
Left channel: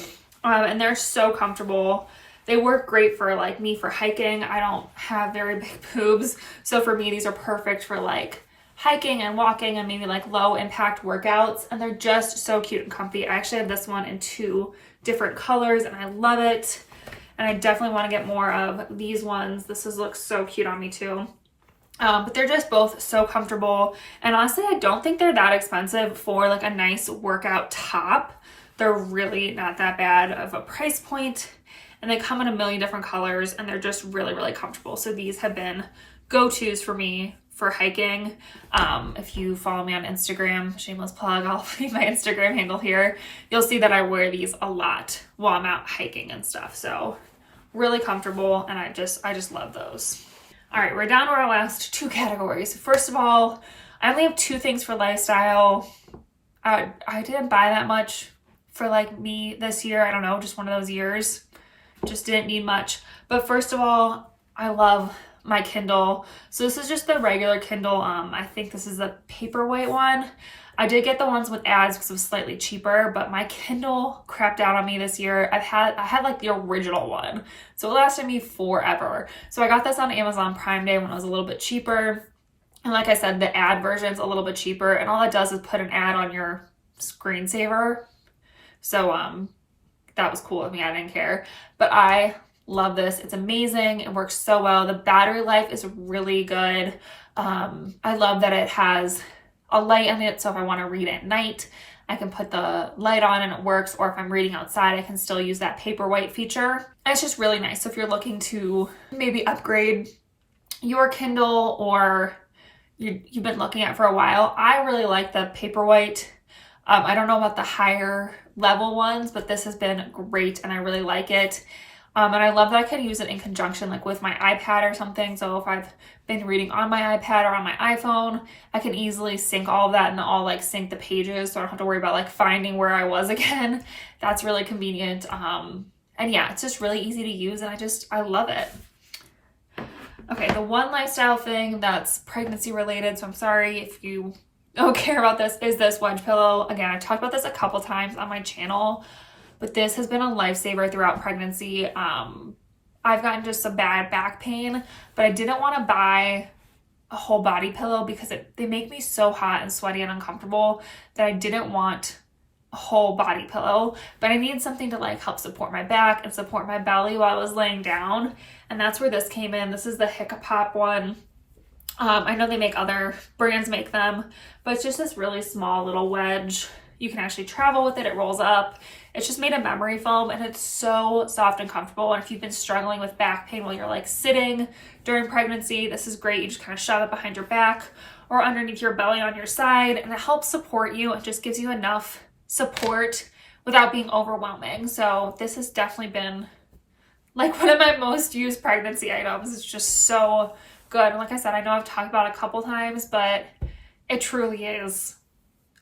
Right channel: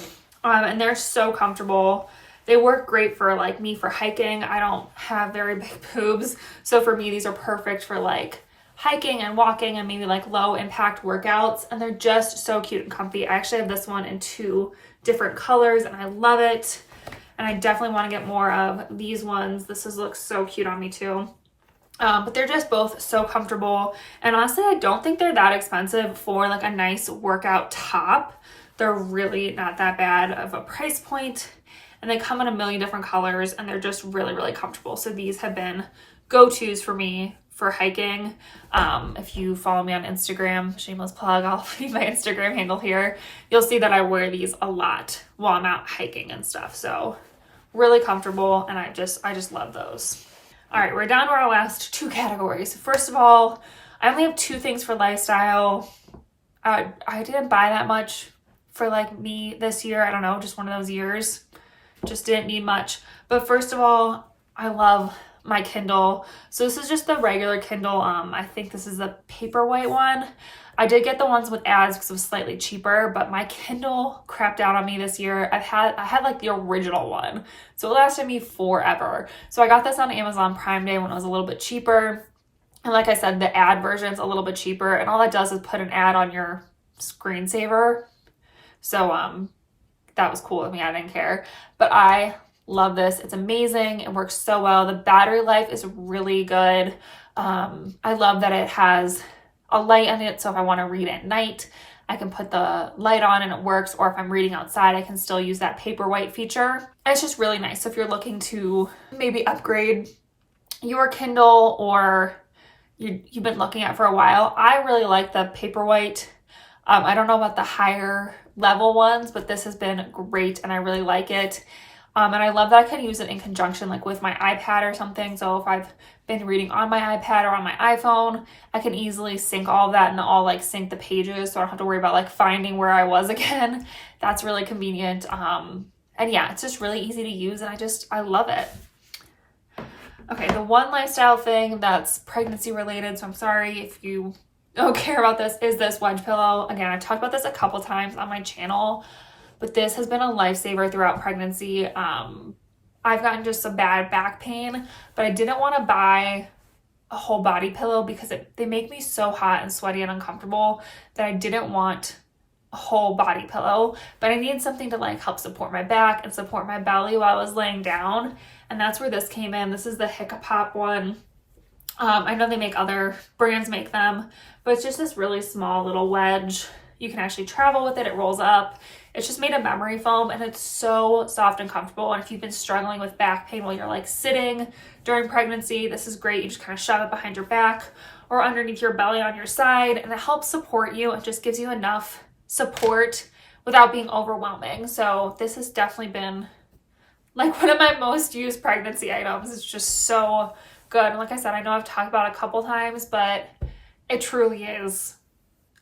And they're so comfortable. They work great for like me for hiking. I don't have very big boobs, so for me these are perfect for like hiking and walking and maybe like low impact workouts, and they're just so cute and comfy. I actually have this one in 2 different colors and I love it. And I definitely want to get more of these ones. Looks so cute on me too. But they're just both so comfortable. And honestly, I don't think they're that expensive for like a nice workout top. They're really not that bad of a price point. And they come in a million different colors and they're just really, really comfortable. So these have been go-tos for me for hiking. If you follow me on Instagram, shameless plug, I'll leave my Instagram handle here. You'll see that I wear these a lot while I'm out hiking and stuff. So really comfortable, and I just love those. All right, we're down to our last two categories. First of all, I only have two things for lifestyle. I didn't buy that much for like me this year. I don't know, just one of those years. Just didn't need much. But first of all, I love my Kindle. So this is just the regular Kindle. I think this is the paperweight one. I did get the ones with ads because it was slightly cheaper, but my Kindle crapped out on me this year. I had like the original one, so it lasted me forever. So I got this on Amazon Prime Day when it was a little bit cheaper. And like I said, the ad version's a little bit cheaper, and all that does is put an ad on your screensaver. So that was cool with me. I didn't care, but I love this. It's amazing. It works so well. The battery life is really good. I love that it has a light on it, so if I want to read at night, I can put the light on and it works, or if I'm reading outside, I can still use that paperweight feature. And it's just really nice. So if you're looking to maybe upgrade your Kindle, or you've been looking at for a while, I really like the paperweight. I don't know about the higher level ones, but this has been great and I really like it. And I love that I can use it in conjunction like with my iPad or something. So if I've been reading on my iPad or on my iPhone, I can easily sync all of that and I'll like sync the pages, so I don't have to worry about like finding where I was again. That's really convenient. And yeah, it's just really easy to use and I love it. Okay, the one lifestyle thing that's pregnancy related, so I'm sorry if you don't care about this, is this wedge pillow. Again, I've talked about this a couple times on my channel, but this has been a lifesaver throughout pregnancy. I've gotten just some bad back pain, but I didn't want to buy a whole body pillow because they make me so hot and sweaty and uncomfortable that I didn't want a whole body pillow, but I needed something to like help support my back and support my belly while I was laying down. And that's where this came in. This is the Hiccup Pop one. I know they make other brands make them, but it's just this really small little wedge. You can actually travel with it. It rolls up. It's just made of memory foam and it's so soft and comfortable. And if you've been struggling with back pain while you're like sitting during pregnancy, this is great. You just kind of shove it behind your back or underneath your belly on your side, and it helps support you and just gives you enough support without being overwhelming. So this has definitely been like one of my most used pregnancy items. It's just so good. And like I said, I know I've talked about it a couple times, but it truly is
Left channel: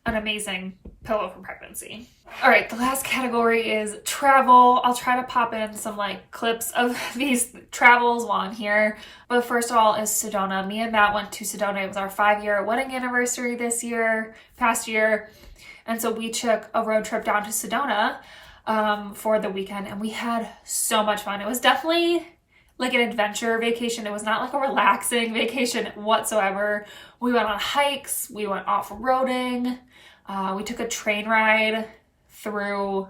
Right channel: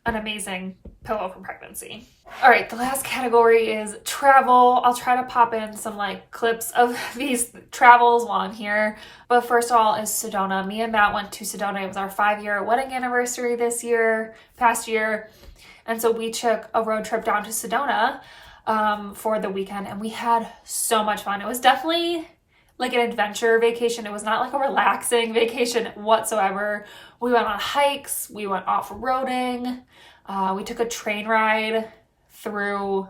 an amazing pillow for pregnancy. All right, the last category is travel. I'll try to pop in some like clips of these travels while I'm here. But first of all is Sedona. Me and Matt went to Sedona. It was our 5-year wedding anniversary past year. And so we took a road trip down to Sedona for the weekend, and we had so much fun. It was definitely like an adventure vacation. It was not like a relaxing vacation whatsoever. We went on hikes, we went off-roading, we took a train ride through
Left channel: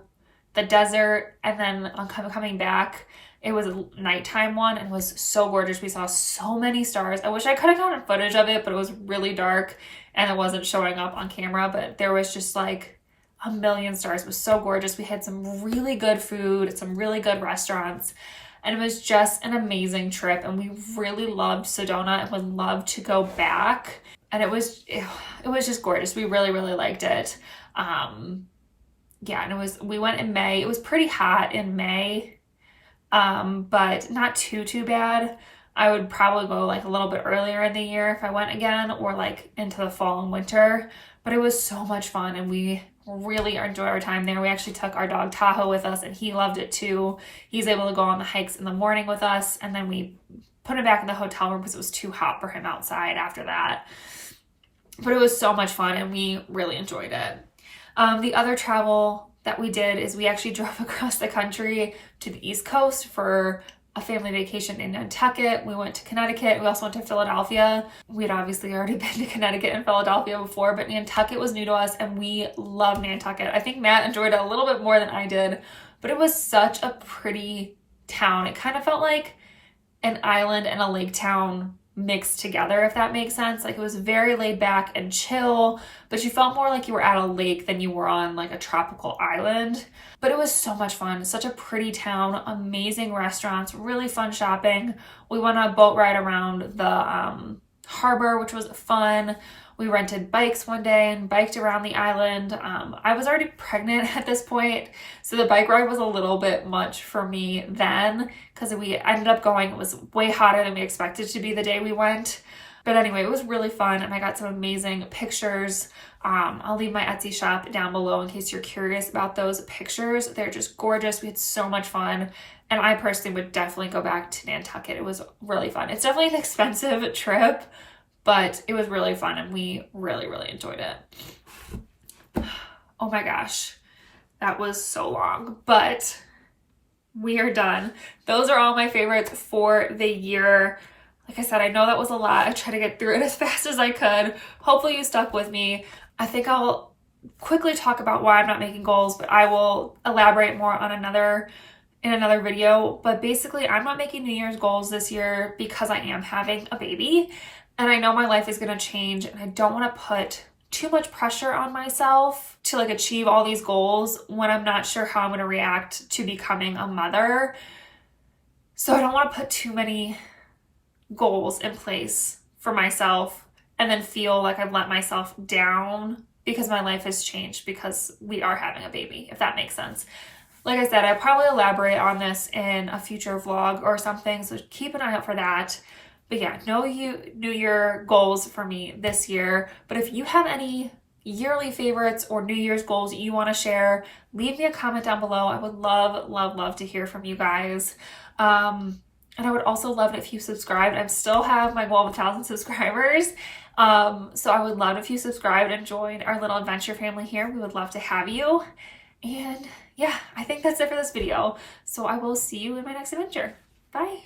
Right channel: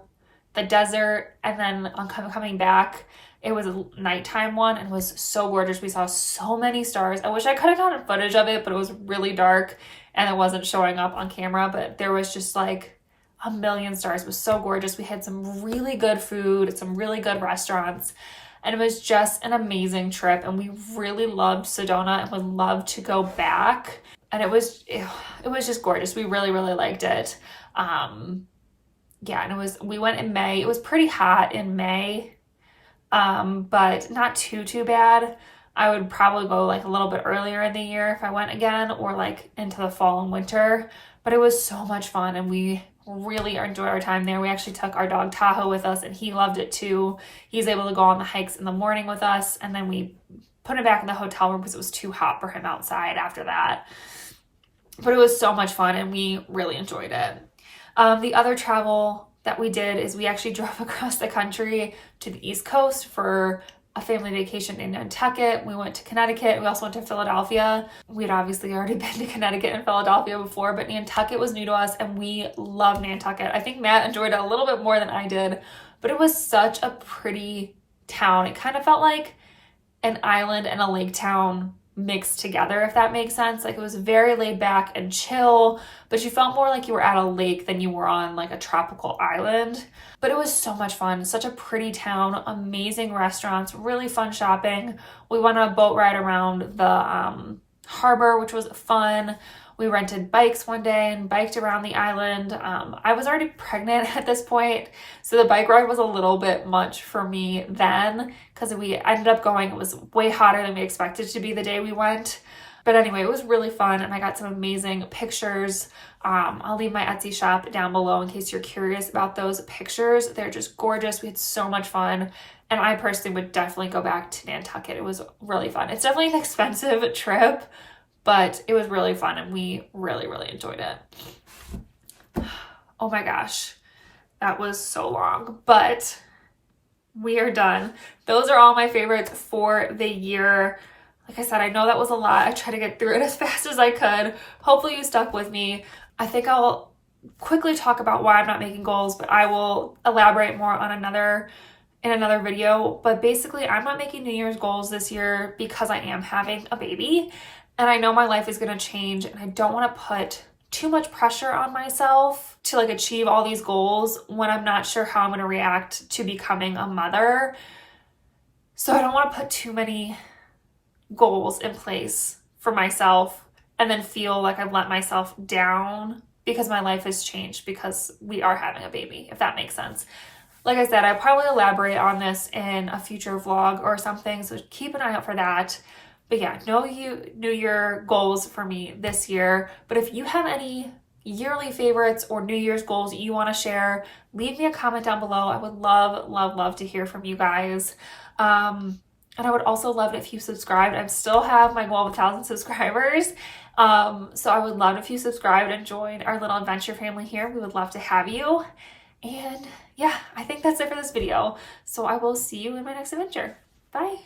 the desert, and then on coming back, it was a nighttime one and it was so gorgeous. We saw so many stars. I wish I could have gotten footage of it, but it was really dark and it wasn't showing up on camera, but there was just like a million stars. It was so gorgeous. We had some really good food at some really good restaurants, and it was just an amazing trip, and we really loved Sedona and would love to go back. And it was just gorgeous. We really, really liked it. Yeah, and we went in May. It was pretty hot in May, but not too bad. I would probably go like a little bit earlier in the year if I went again, or like into the fall and winter. But it was so much fun, and we really enjoyed our time there. We actually took our dog Tahoe with us, and he loved it too. He's able to go on the hikes in the morning with us, and then we put him back in the hotel room because it was too hot for him outside after that. But it was so much fun, and we really enjoyed it. The other travel that we did is we actually drove across the country to the East Coast for a family vacation in Nantucket. We went to Connecticut. We also went to Philadelphia. We'd obviously already been to Connecticut and Philadelphia before, but Nantucket was new to us, and we love Nantucket. I think Matt enjoyed it a little bit more than I did, but it was such a pretty town. It kind of felt like an island and a lake town mixed together, if that makes sense. Like, it was very laid back and chill, but you felt more like you were at a lake than you were on like a tropical island. But it was so much fun. Such a pretty town, amazing restaurants, really fun shopping. We went on a boat ride around the harbor, which was fun. We rented bikes one day and biked around the island. I was already pregnant at this point, so the bike ride was a little bit much for me then, because we ended up going, it was way hotter than we expected to be the day we went. But anyway, it was really fun, and I got some amazing pictures. I'll leave my Etsy shop down below in case you're curious about those pictures. They're just gorgeous. We had so much fun, and I personally would definitely go back to Nantucket. It was really fun. It's definitely an expensive trip, but it was really fun, and we really, really enjoyed it. Oh my gosh, that was so long, but we are done. Those are all my favorites for the year. Like I said, I know that was a lot. I tried to get through it as fast as I could. Hopefully you stuck with me. I think I'll quickly talk about why I'm not making goals, but I will elaborate more on in another video. But basically, I'm not making New Year's goals this year because I am having a baby. And I know my life is going to change, and I don't want to put too much pressure on myself to like achieve all these goals when I'm not sure how I'm going to react to becoming a mother. So I don't want to put too many goals in place for myself and then feel like I've let myself down because my life has changed because we are having a baby, if that makes sense. Like I said, I'll probably elaborate on this in a future vlog or something, so keep an eye out for that. But yeah, no New Year goals for me this year. But if you have any yearly favorites or New Year's goals you want to share, leave me a comment down below. I would love, love, love to hear from you guys. And I would also love it if you subscribed. I still have my goal of 1,000 subscribers. So I would love if you subscribed and joined our little adventure family here. We would love to have you. And yeah, I think that's it for this video. So I will see you in my next adventure. Bye.